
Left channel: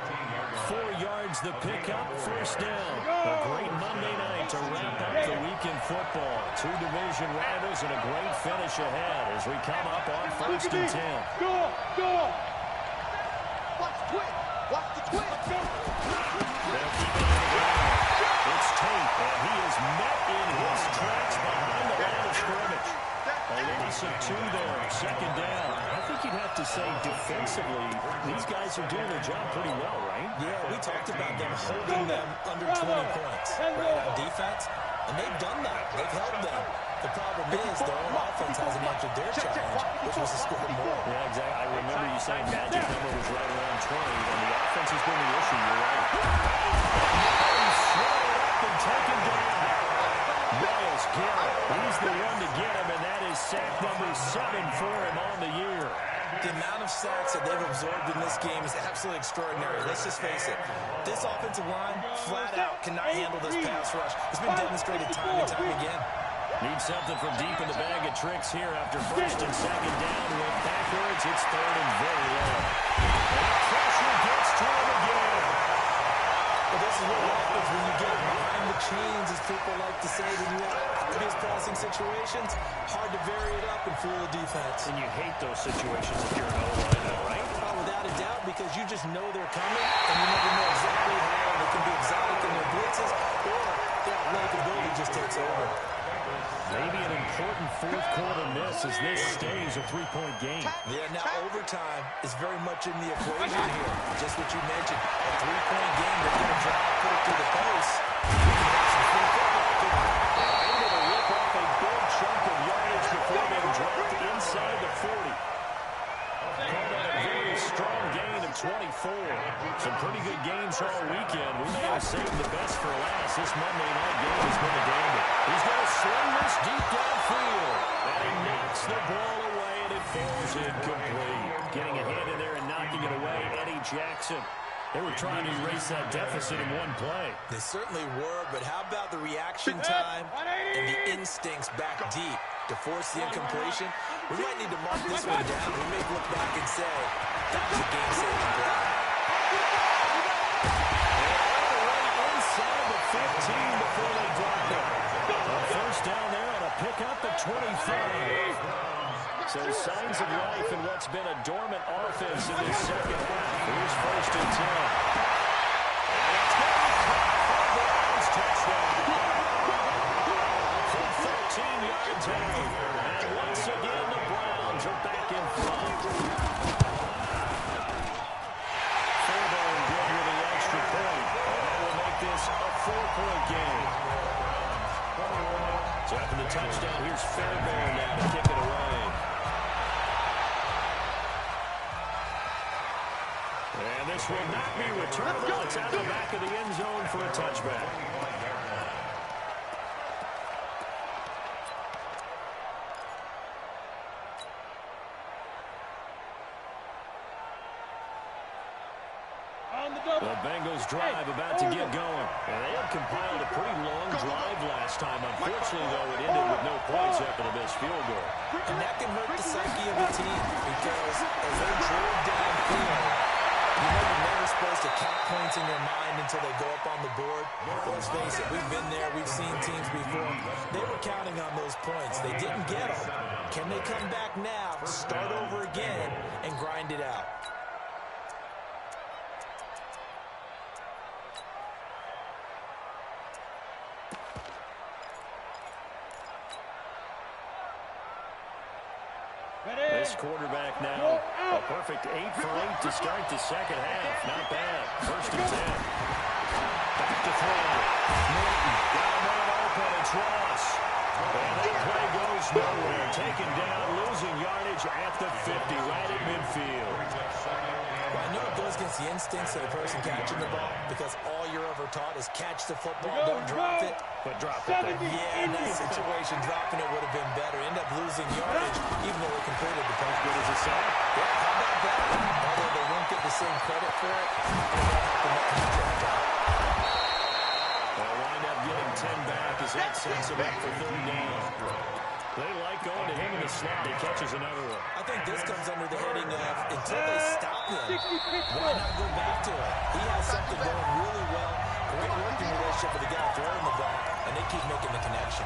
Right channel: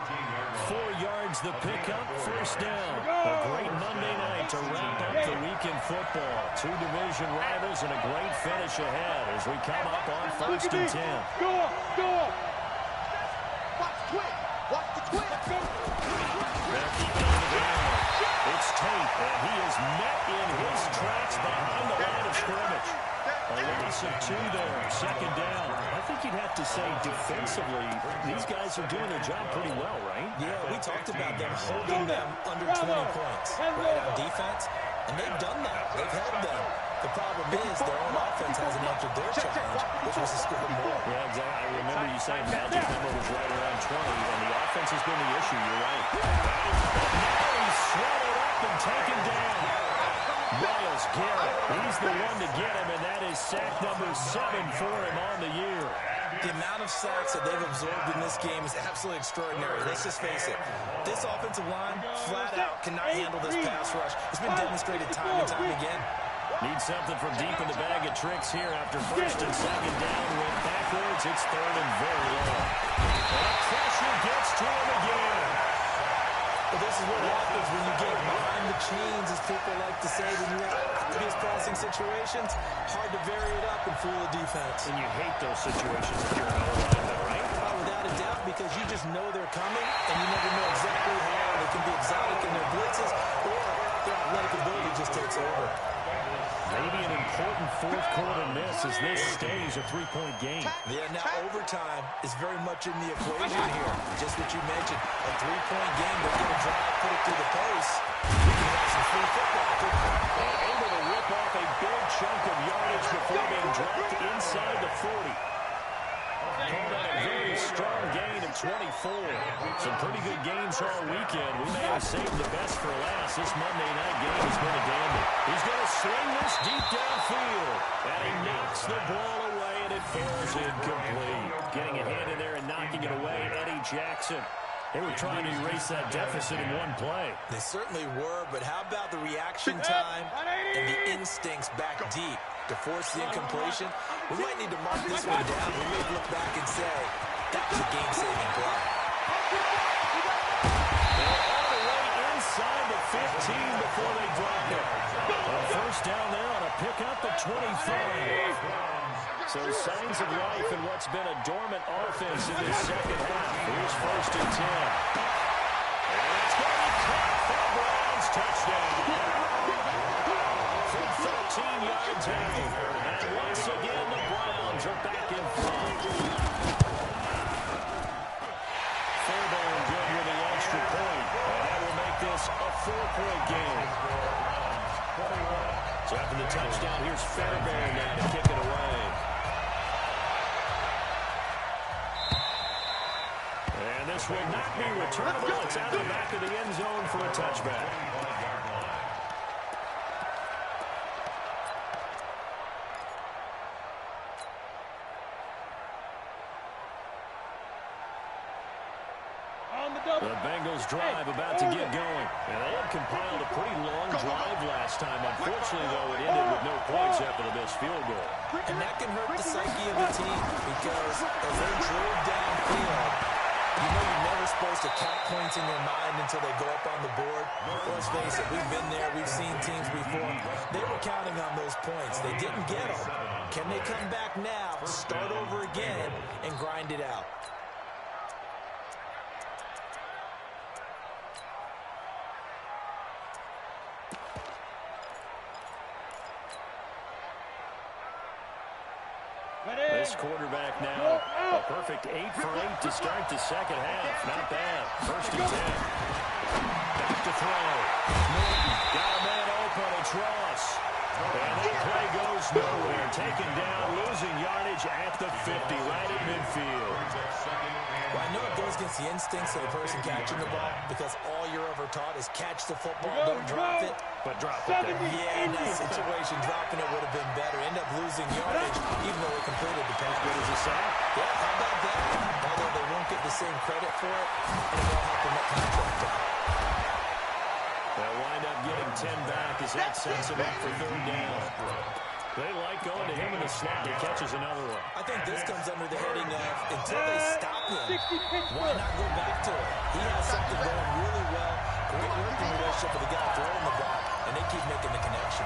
4 yards the pickup, 1st down. A great Monday night to wrap up the weekend football. 2 division rivals and a great finish ahead as we come up on 1st and 10. Go. Watch the twist. Watch the twist. They'll keep it on the ground. It's Tate, and he is met in his tracks behind the line of scrimmage. A loss of 2 there, second down. I think you'd have to say defensively, these guys are doing their job pretty well, right? Yeah, we talked about them holding them under 20 points right on defense, and they've done that. They've held them. The problem is their own offense hasn't answered their challenge, which was to score more. Yeah, exactly. I remember you saying the magic number was right around 20, and the offense has been the issue. You're right. He's swallowed up and taken down. Myles Garrett, he's the one to get him, and that is sack number 7 for him on the year. The amount of sacks that they've absorbed in this game is absolutely extraordinary. Let's just face it. This offensive line, flat out, cannot handle this pass rush. It's been demonstrated time and time again. Need something from deep in the bag of tricks here after first and second down. Went backwards. It's third and very low. And the pressure gets to him again. Well, this is what happens when you get behind the chains, as people like to say, when you have obvious passing situations. Hard to vary it up and fool the defense. And you hate those situations if you're an O-lineman, right? Without a doubt, because you just know they're coming, and you never know exactly how they can be exotic in their blitzes, or their athletic ability just takes over. Maybe an important fourth-quarter miss as this stays a 3-point game. Yeah, now overtime is very much in the equation here. Just what you mentioned, a 3-point game. They're going to drive, put it through the post. We can have some free football, couldn't we? Able to rip off a big chunk of yardage before being dropped inside the 40. Call that a very strong gain of 24. Some pretty good games all weekend. We may have saved the best for last. This Monday night game has been a dandy. He's going to sling this deep downfield. And he knocks the ball away, and it falls incomplete. Getting a hand in there and knocking it away, Eddie Jackson. They were trying to erase that deficit in one play. They certainly were, but how about the reaction time and the instincts back deep to force the incompletion? We might need to mark this one down. We may look back and say, that was a game-saving play. All the way inside the 15 before they drop it. A first down there on a pickup at 25. So signs of life in what's been a dormant offense in this second half. Here's first and 10. And it's going to be caught for the Browns. Touchdown. From 13 yards out. And once again, the Browns are back in front. Fairbairn good with the extra point. And that will make this a 4-point game. So after the touchdown, here's Fairbairn now to kick it away. And this will not be returnable. It's out of the back of the end zone for a touchback. The Bengals drive about to get going. And they had compiled a pretty long drive last time. Unfortunately, though, it ended with no points after the missed field goal. And that can hurt the psyche of the team because as they drove downfield, you know you're never supposed to count points in your mind until they go up on the board. Let's face it, we've been there. We've seen teams before. They were counting on those points. They didn't get them. Can they come back now, start over again, and grind it out? This quarterback now, a perfect 8 for 8 to start the second half. Not bad. First and 10. Back to throw. Norton got a man open. It's Ross. And that play goes nowhere. Taken down, losing yardage at the 50, right at midfield. Well, I know it goes against the instincts of the person catching the ball because all you're ever taught is catch the football, don't drop it. But drop it there. Yeah, in that situation, dropping it would have been better. End up losing yardage, even though they completed the pass. Good as a sack. Yeah, how about that? Although they won't get the same credit for it, and it won't help them that contract out. They'll wind up getting 10 back as that sets them up for third down. They like going to him in the slot. He catches another one. I think this comes under the heading of until they stop him, why not go back to it? He has something going really well. Great working relationship with the guy throwing the ball, and they keep making the connection.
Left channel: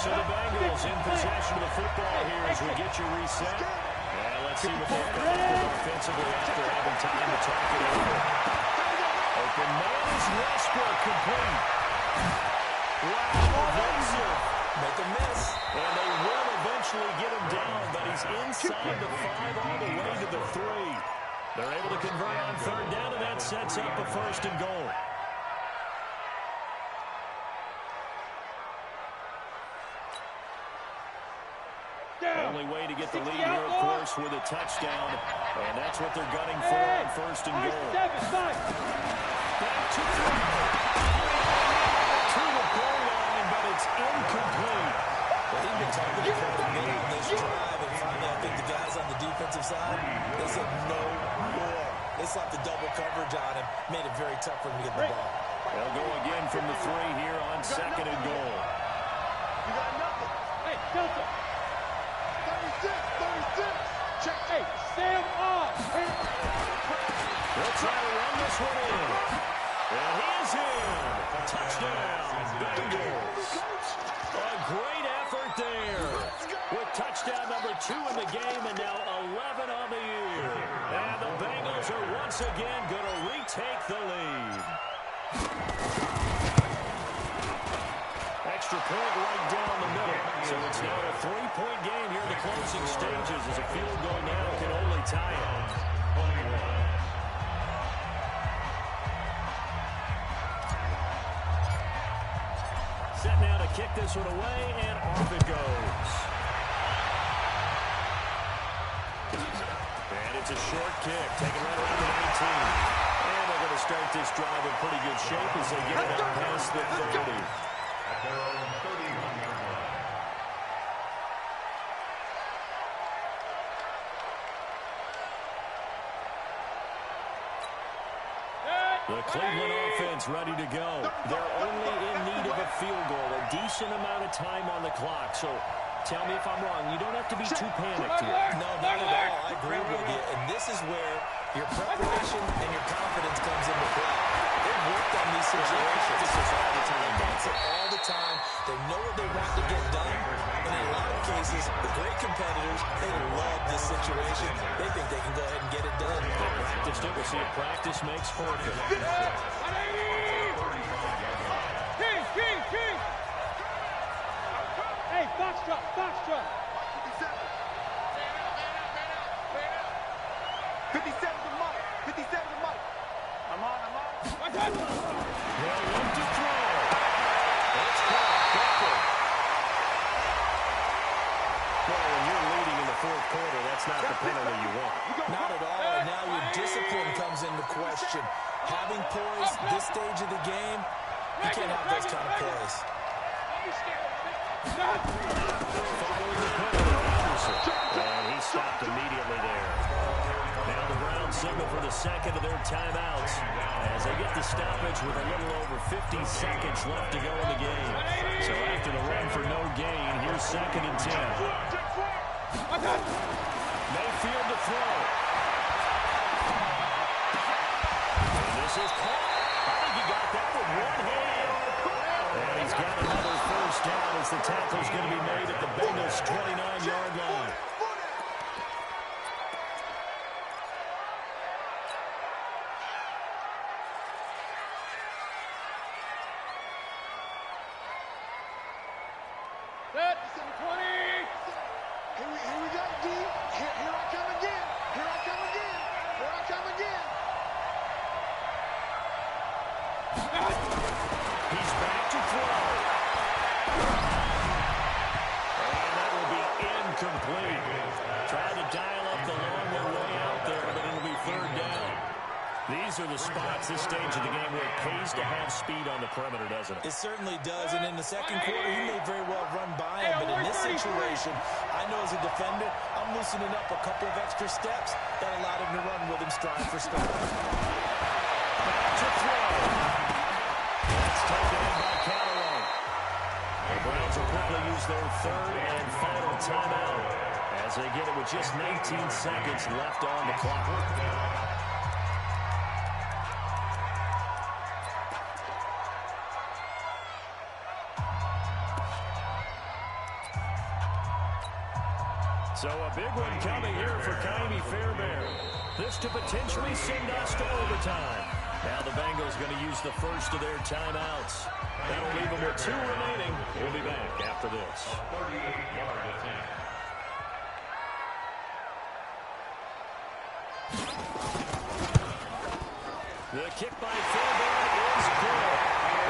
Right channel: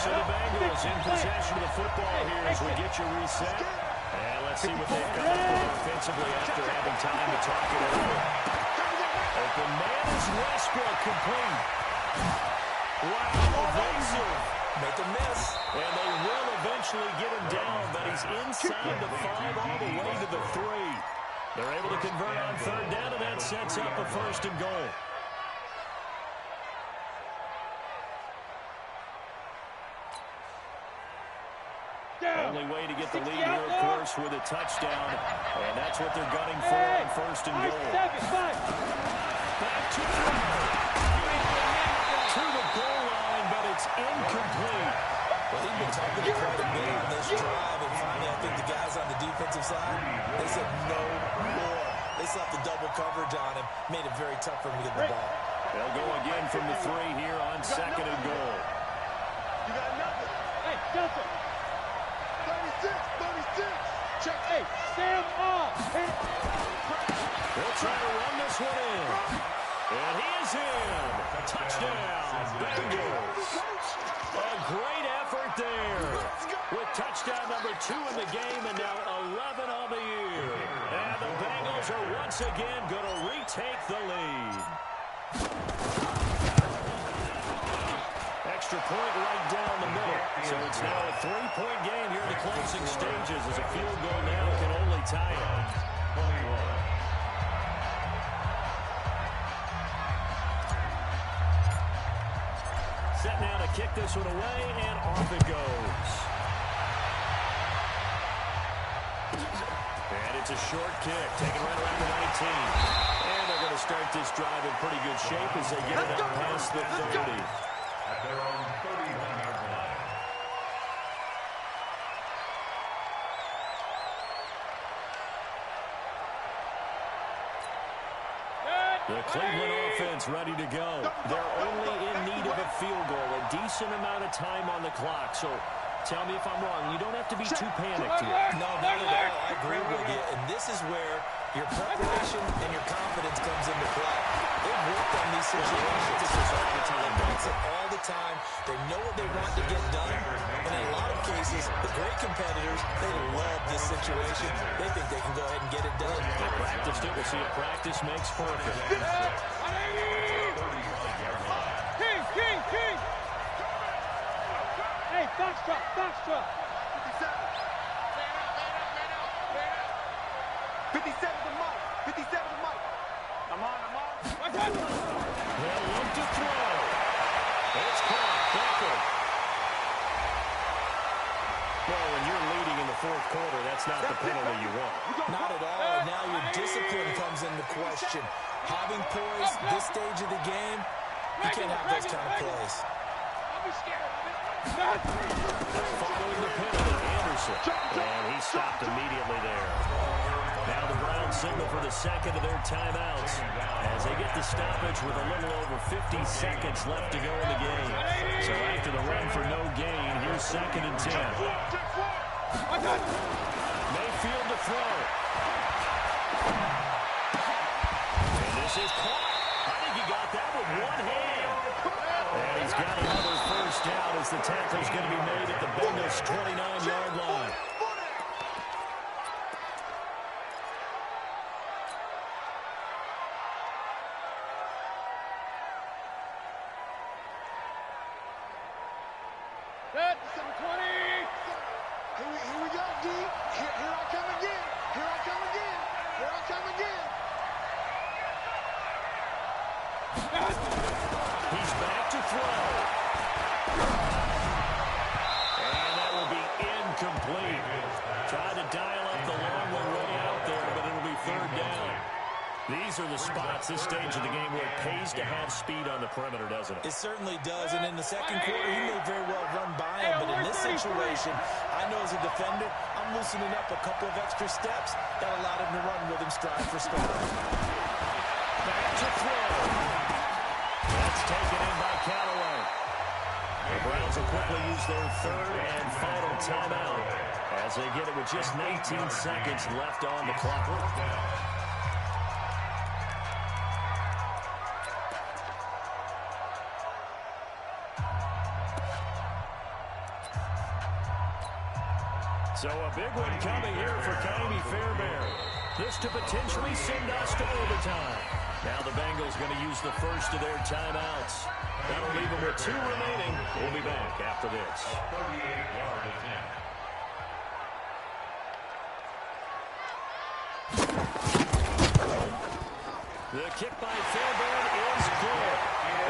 So the Bengals in possession of the football here as we get you reset. And let's see what they've come up with offensively after having time to talk it over. Open man is Westbrook, complete. Wow, evasive. Make a miss. And they will eventually get him down, but he's inside the 5 all the way to the 3. They're able to convert on third down, and that sets up a 1st and goal. Only way to get the lead here, of course, with a touchdown. And that's what they're gunning for on 1st and goal. Back to throw. To the goal line, but it's incomplete. Well, he's been targeted quite a bit on this drive, and finally I think the guys on the defensive side, they said no more. They slapped the double coverage on him, made it very tough for him to get the ball. They'll go again from the 3 here on 2nd and goal. You got nothing. Hey, Delta. 36. Check. Hey, Sam off. They'll try to run this one in. And he is in. Touchdown, Bengals. A great effort there. With touchdown number 2 in the game and now 11 on the year. And the Bengals are once again going to retake the lead. Extra point right down the middle. So it's now a 3-point game here in the closing stages as a field goal now can only tie it. 21. Set now to kick this one away, and off it goes. And it's a short kick, taken right around the 19. And they're going to start this drive in pretty good shape as they get it up past the 30. At their own 31-yard line. The Cleveland offense ready to go. They're only in need of a field goal, a decent amount of time on the clock. So tell me if I'm wrong. You don't have to be too panicked here. No, not at all. I agree with you. And this is where your preparation and your confidence comes into play. They've worked on these situations all the time. That's it all the time. They know what they want to get done. And in a lot of cases, the great competitors, they love this situation. They think they can go ahead and get it done. They practiced it. We'll see if practice makes perfect. King! Hey, Foxtrot! 57. Man out. 57 to Mike. 57 to Mike. I'm on. They'll look to throw. It's caught. Backward. Well, when you're leading in the 4th quarter, that's not the penalty you want. Not at all. And now your discipline comes into question. Having poise this stage of the game, you can't have those kind of plays. Don't be scared of it. Following the penalty, Anderson. And he stopped immediately there. Now the Browns signal for the 2nd of their timeouts as they get the stoppage with a little over 50 seconds left to go in the game. So after the run for no gain, here's 2nd and 10. Mayfield to throw. And this is caught. I think he got that with one hand. And he's got another 1st down as the tackle's going to be made at the Bengals' 29-yard line. Set, 720. Here we go, D. Here I come again. He's back to throw. And that will be incomplete. Tried to dial up the long way out there, but it'll be 3rd down. These are the spots, this stage of the game, where it pays to have speed on the perimeter, doesn't it? It certainly does, and in the 2nd quarter, he may very well run by him, but in this situation, I know as a defender, I'm loosening up a couple of extra steps that allowed him to run with him stride for stride. Back to throw. That's taken in by Callaway. The Browns will quickly use their 3rd and final timeout as they get it with just 19 seconds left on the clock. So a A big one coming here for Kaimi Fairbairn. This to potentially send us to overtime. Now the Bengals going to use the first of their timeouts. That'll leave them with 2 remaining. We'll be back after this. A 38-yard attempt. The kick by Fairbairn is good.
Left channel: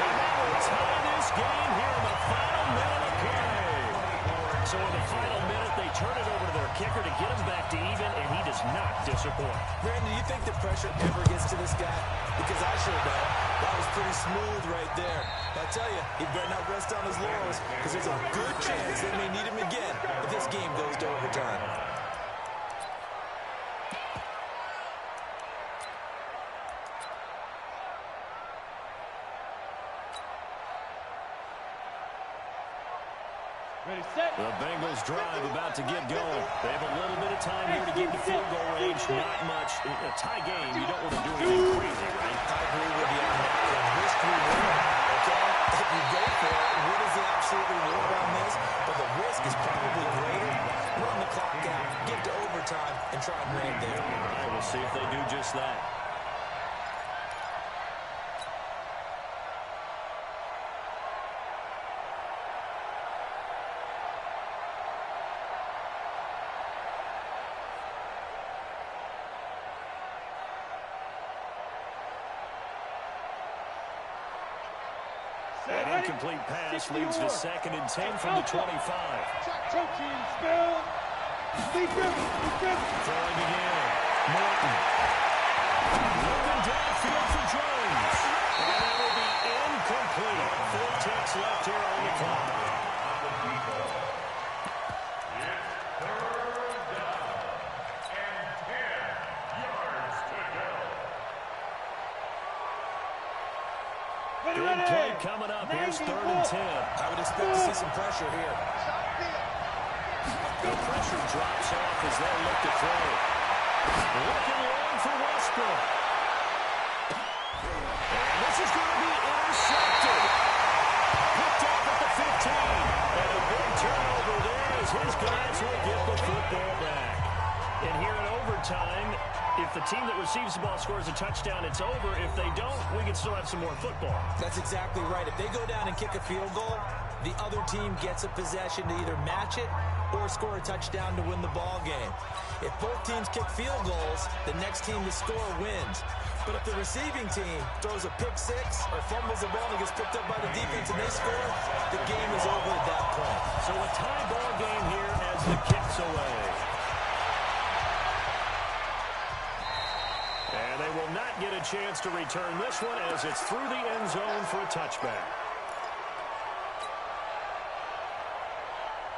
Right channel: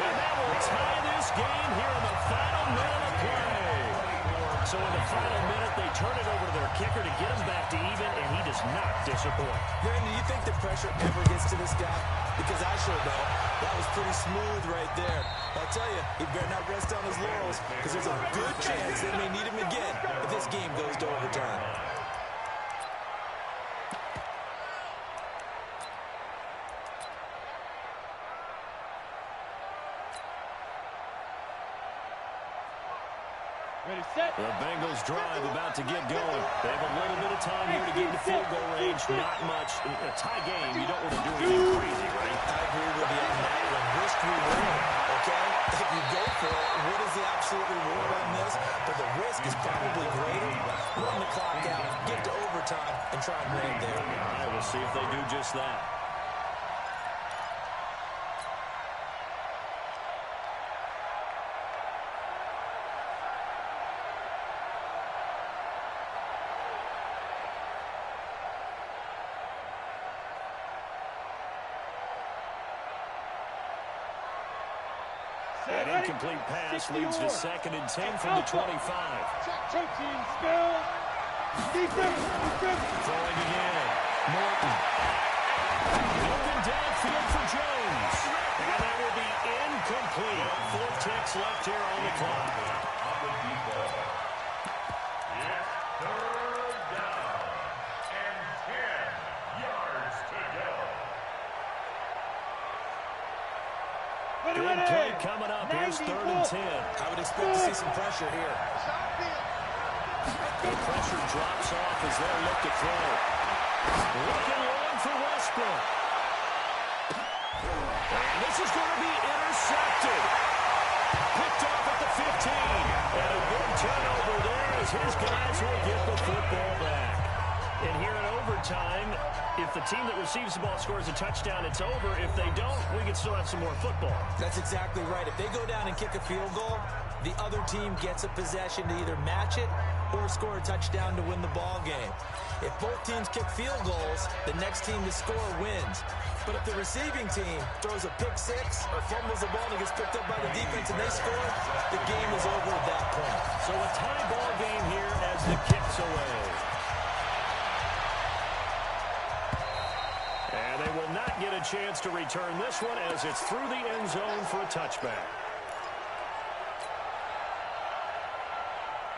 And that will tie this game here in the final minute of play. So in the final minute, they turn it over to their kicker to get him back to even, and he does not disappoint. Brandon, do you think the pressure ever gets to this guy? Because I sure don't. That was pretty smooth right there. But I tell you, he better not rest on his laurels, because there's a good chance they may need him again if this game goes to overtime. Ready, set. The Bengals drive about to get going. They have a little bit of time here to get into field goal range. Not much. In a tie game, you don't want to do anything crazy, right? I agree with you on that one. Risk reward, okay? If you go for it, what is the absolute reward on this? But the risk is probably greater. Run the clock out, get to overtime, and try and win there. All right, we'll see if they do just that. An incomplete pass leads to 2nd and 10 from the 25. Choking, spill. Throwing again. Morton. Looking downfield for Jones. And that will be incomplete. 4 ticks left here on the clock. It's 3rd down and 10 yards to go. Big play coming up. Here's 3rd and 10. I would expect to see some pressure here. The pressure drops off as they look to throw. Looking long for Westbrook. And this is going to be intercepted. Picked off at the 15. And a big turnover there as his guys will get the football back. And here in overtime, if the team that receives the ball scores a touchdown, it's over. If they don't, we can still have some more football. That's exactly right. If they go down and kick a field goal, the other team gets a possession to either match it or score a touchdown to win the ball game. If both teams kick field goals, the next team to score wins. But if the receiving team throws a pick six or fumbles the ball and it gets picked up by the defense and they score, the game is over at that point. So a tie ball game here as the kick's away. And they will not get a chance to return this one as it's through the end zone for a touchback.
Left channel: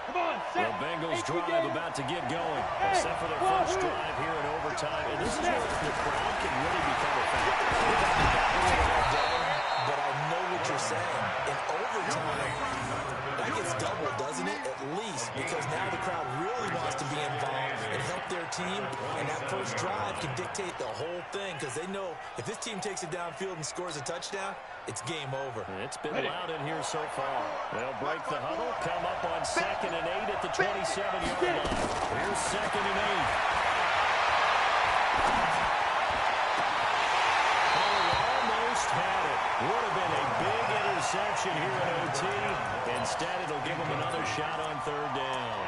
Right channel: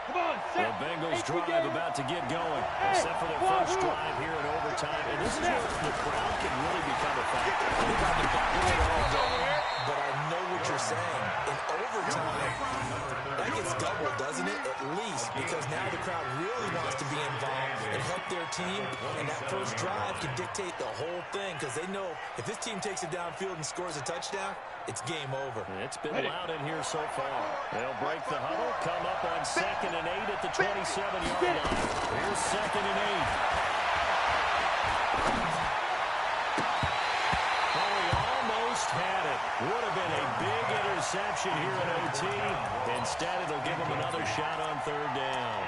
Come on, the Bengals drive about to get going, except for their first drive here in overtime. And this is where the crowd can really become a factor. They've got the back of it all day, but I know what you're saying. In overtime, that gets doubled, doesn't it? At least, because now the crowd really wants to be involved and help their team, and that first drive can dictate the whole thing, because they know if this team takes it downfield and scores a touchdown, it's game over. It's been loud in here so far. They'll break the huddle, come up on 2nd and 8 at the 27-yard line. Here's 2nd and 8. Oh, he almost had it. Would have been a big interception here in OT. Instead, it'll give him another shot on 3rd down.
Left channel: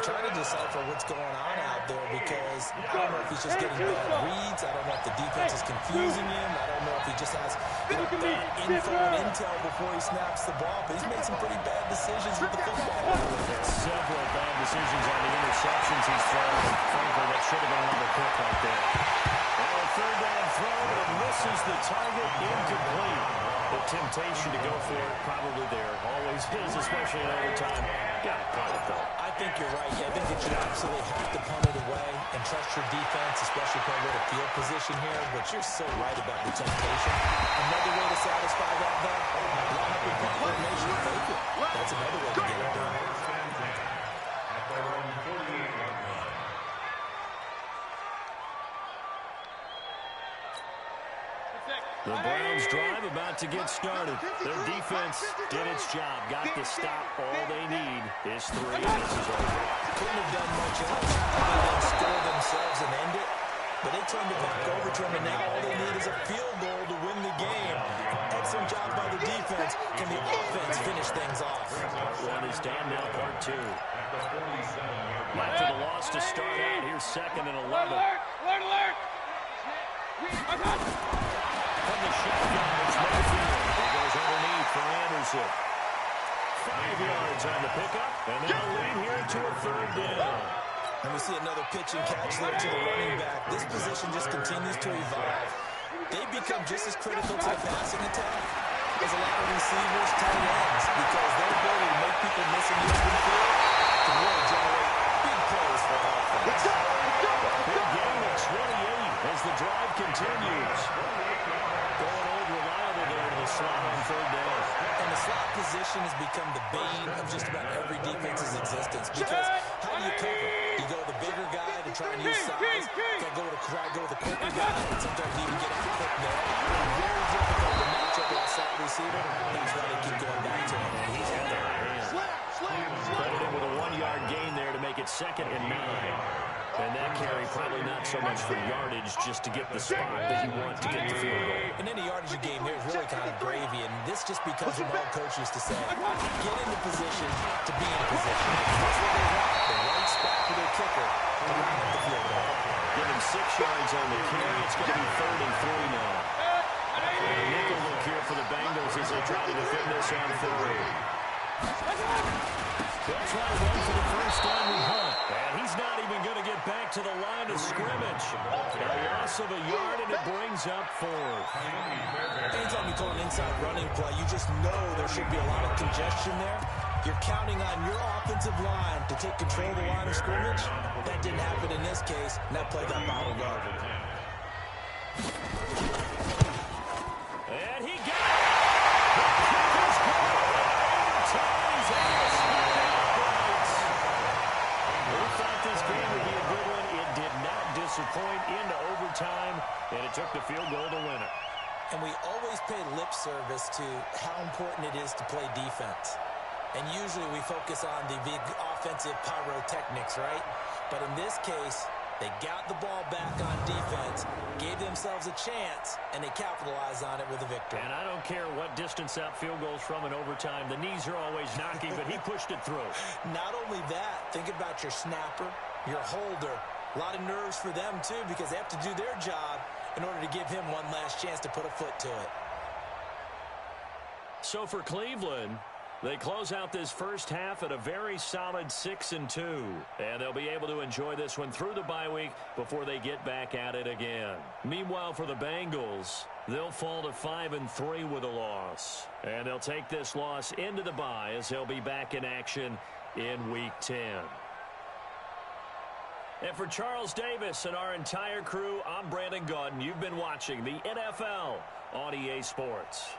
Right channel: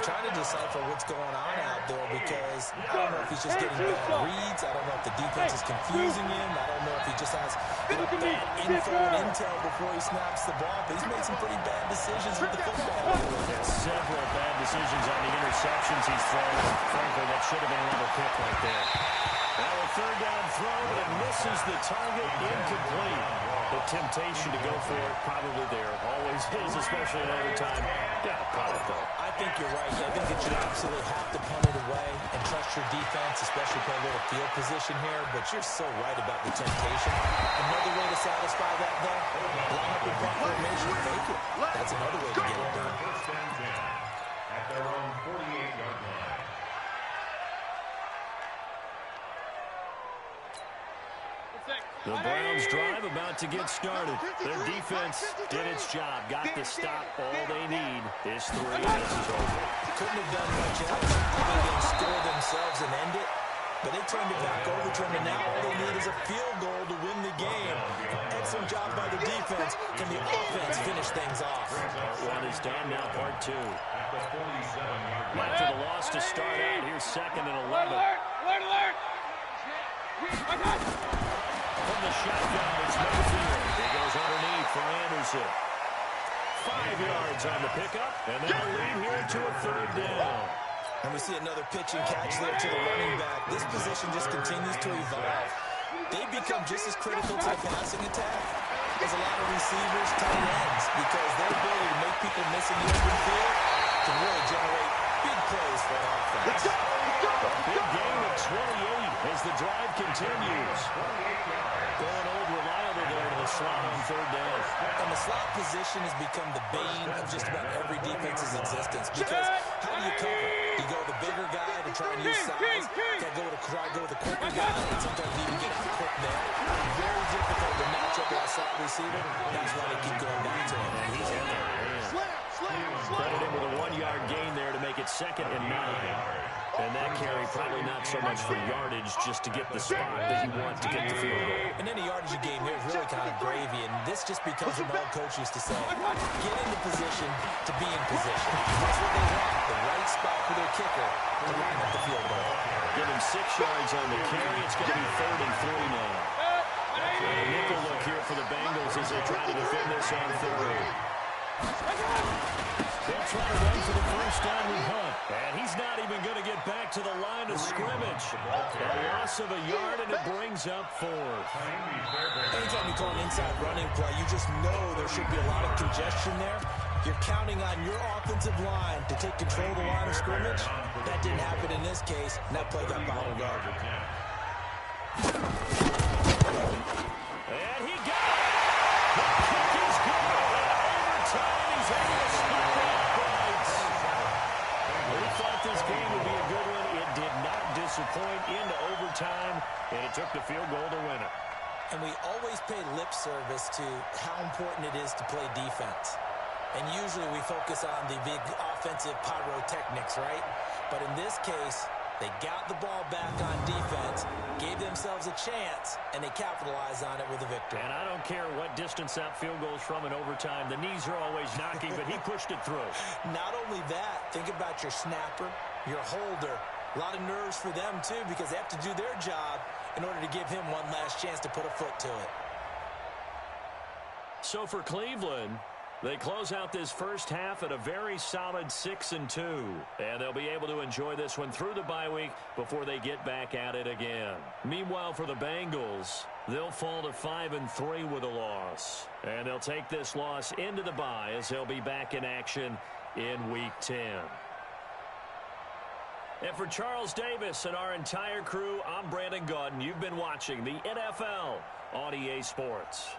Trying to decipher what's going on out there, because I don't know if he's just getting bad reads. I don't know if the defense is confusing him. I don't know if he just has bad info and intel before he snaps the ball. But he's made some pretty bad decisions with the football. There's several bad decisions on the interceptions he's thrown. And frankly, that should have been another pick right there. Now a 3rd down throw, but it misses the target, incomplete. The temptation to go for it probably there. Always is, especially in overtime. Got to punt it, though. I think you're right. I think that you absolutely have to punt it away and trust your defense, especially playing a little field position here. But you're so right about the temptation. Another way to satisfy that, though, line up in punt formation, fake it. That's another way to get it done. First and 10 at their own 48-yard line. The Browns drive about to get started. Their defense did its job. Got the stop. All they need is 3. This is over. Couldn't have done much else other than score themselves and end it. But they turned it back over to him, and now all they need is a field goal to win the game. Excellent job by the defense. Can the offense finish things off? Part 1 is done. Now part 2. After the loss to start out, here's 2nd and 11. Alert! From the shotgun, it's Mayfield. He goes underneath for Anderson. 5 yards on the pickup, and they'll lead here to a 3rd down. And we see another pitch and catch there to the running back. This position just continues to evolve. They become just as critical to the passing attack as a lot of receivers, tight ends, because their ability to make people miss in the open field can really generate big plays for an offense. Big gain of 28 as the drive continues. Going old reliable there to the slot on 3rd down. And the slot position has become the bane of just about every defense's existence, because how do you cover? You go with the bigger guy to try and use size. You go with the quicker guy and sometimes even get out quick there. Very difficult to match up with a slot receiver. That's why they keep going back to him. And he's had the hand. Credit him with a 1-yard gain there to make it 2nd and 9. And that carry probably not so much for yardage, just to get the spot that you want to get the field goal. And any yardage game here is really kind of gravy, and this just becomes what my old coach used to say. Get into position to be in position. That's what they want, the right spot for their kicker to line up the field goal. Give him 6 yards on the carry. It's going to be 3rd and 3 now. And a nickel look here for the Bengals as they try to defend this on 3rd. They'll try to run for the 1st down with Hunt. And he's not even going to get back to the line of scrimmage. A loss of a yard, and it brings up 4th. Anytime you call an inside running play, you just know there should be a lot of congestion there. You're counting on your offensive line to take control of the line of scrimmage. That didn't happen in this case, and that play got bottled up. And he got it! The kick is good! Overtime, he's able to stop the uprights. We thought this game would be a good one. It did not disappoint into overtime, and it took the field goal to win it. And we always pay lip service to how important it is to play defense. And usually we focus on the big offensive pyrotechnics, right? But in this case, they got the ball back on defense, gave themselves a chance, and they capitalized on it with a victory. And I don't care what distance that field goes from in overtime. The knees are always knocking, but he pushed it through. Not only that, think about your snapper, your holder. A lot of nerves for them, too, because they have to do their job in order to give him one last chance to put a foot to it. So for Cleveland, they close out this first half at a very solid 6-2. And they'll be able to enjoy this one through the bye week before they get back at it again. Meanwhile, for the Bengals, they'll fall to 5-3 with a loss. And they'll take this loss into the bye as they'll be back in action in Week 10. And for Charles Davis and our entire crew, I'm Brandon Gaudin. You've been watching the NFL on EA Sports.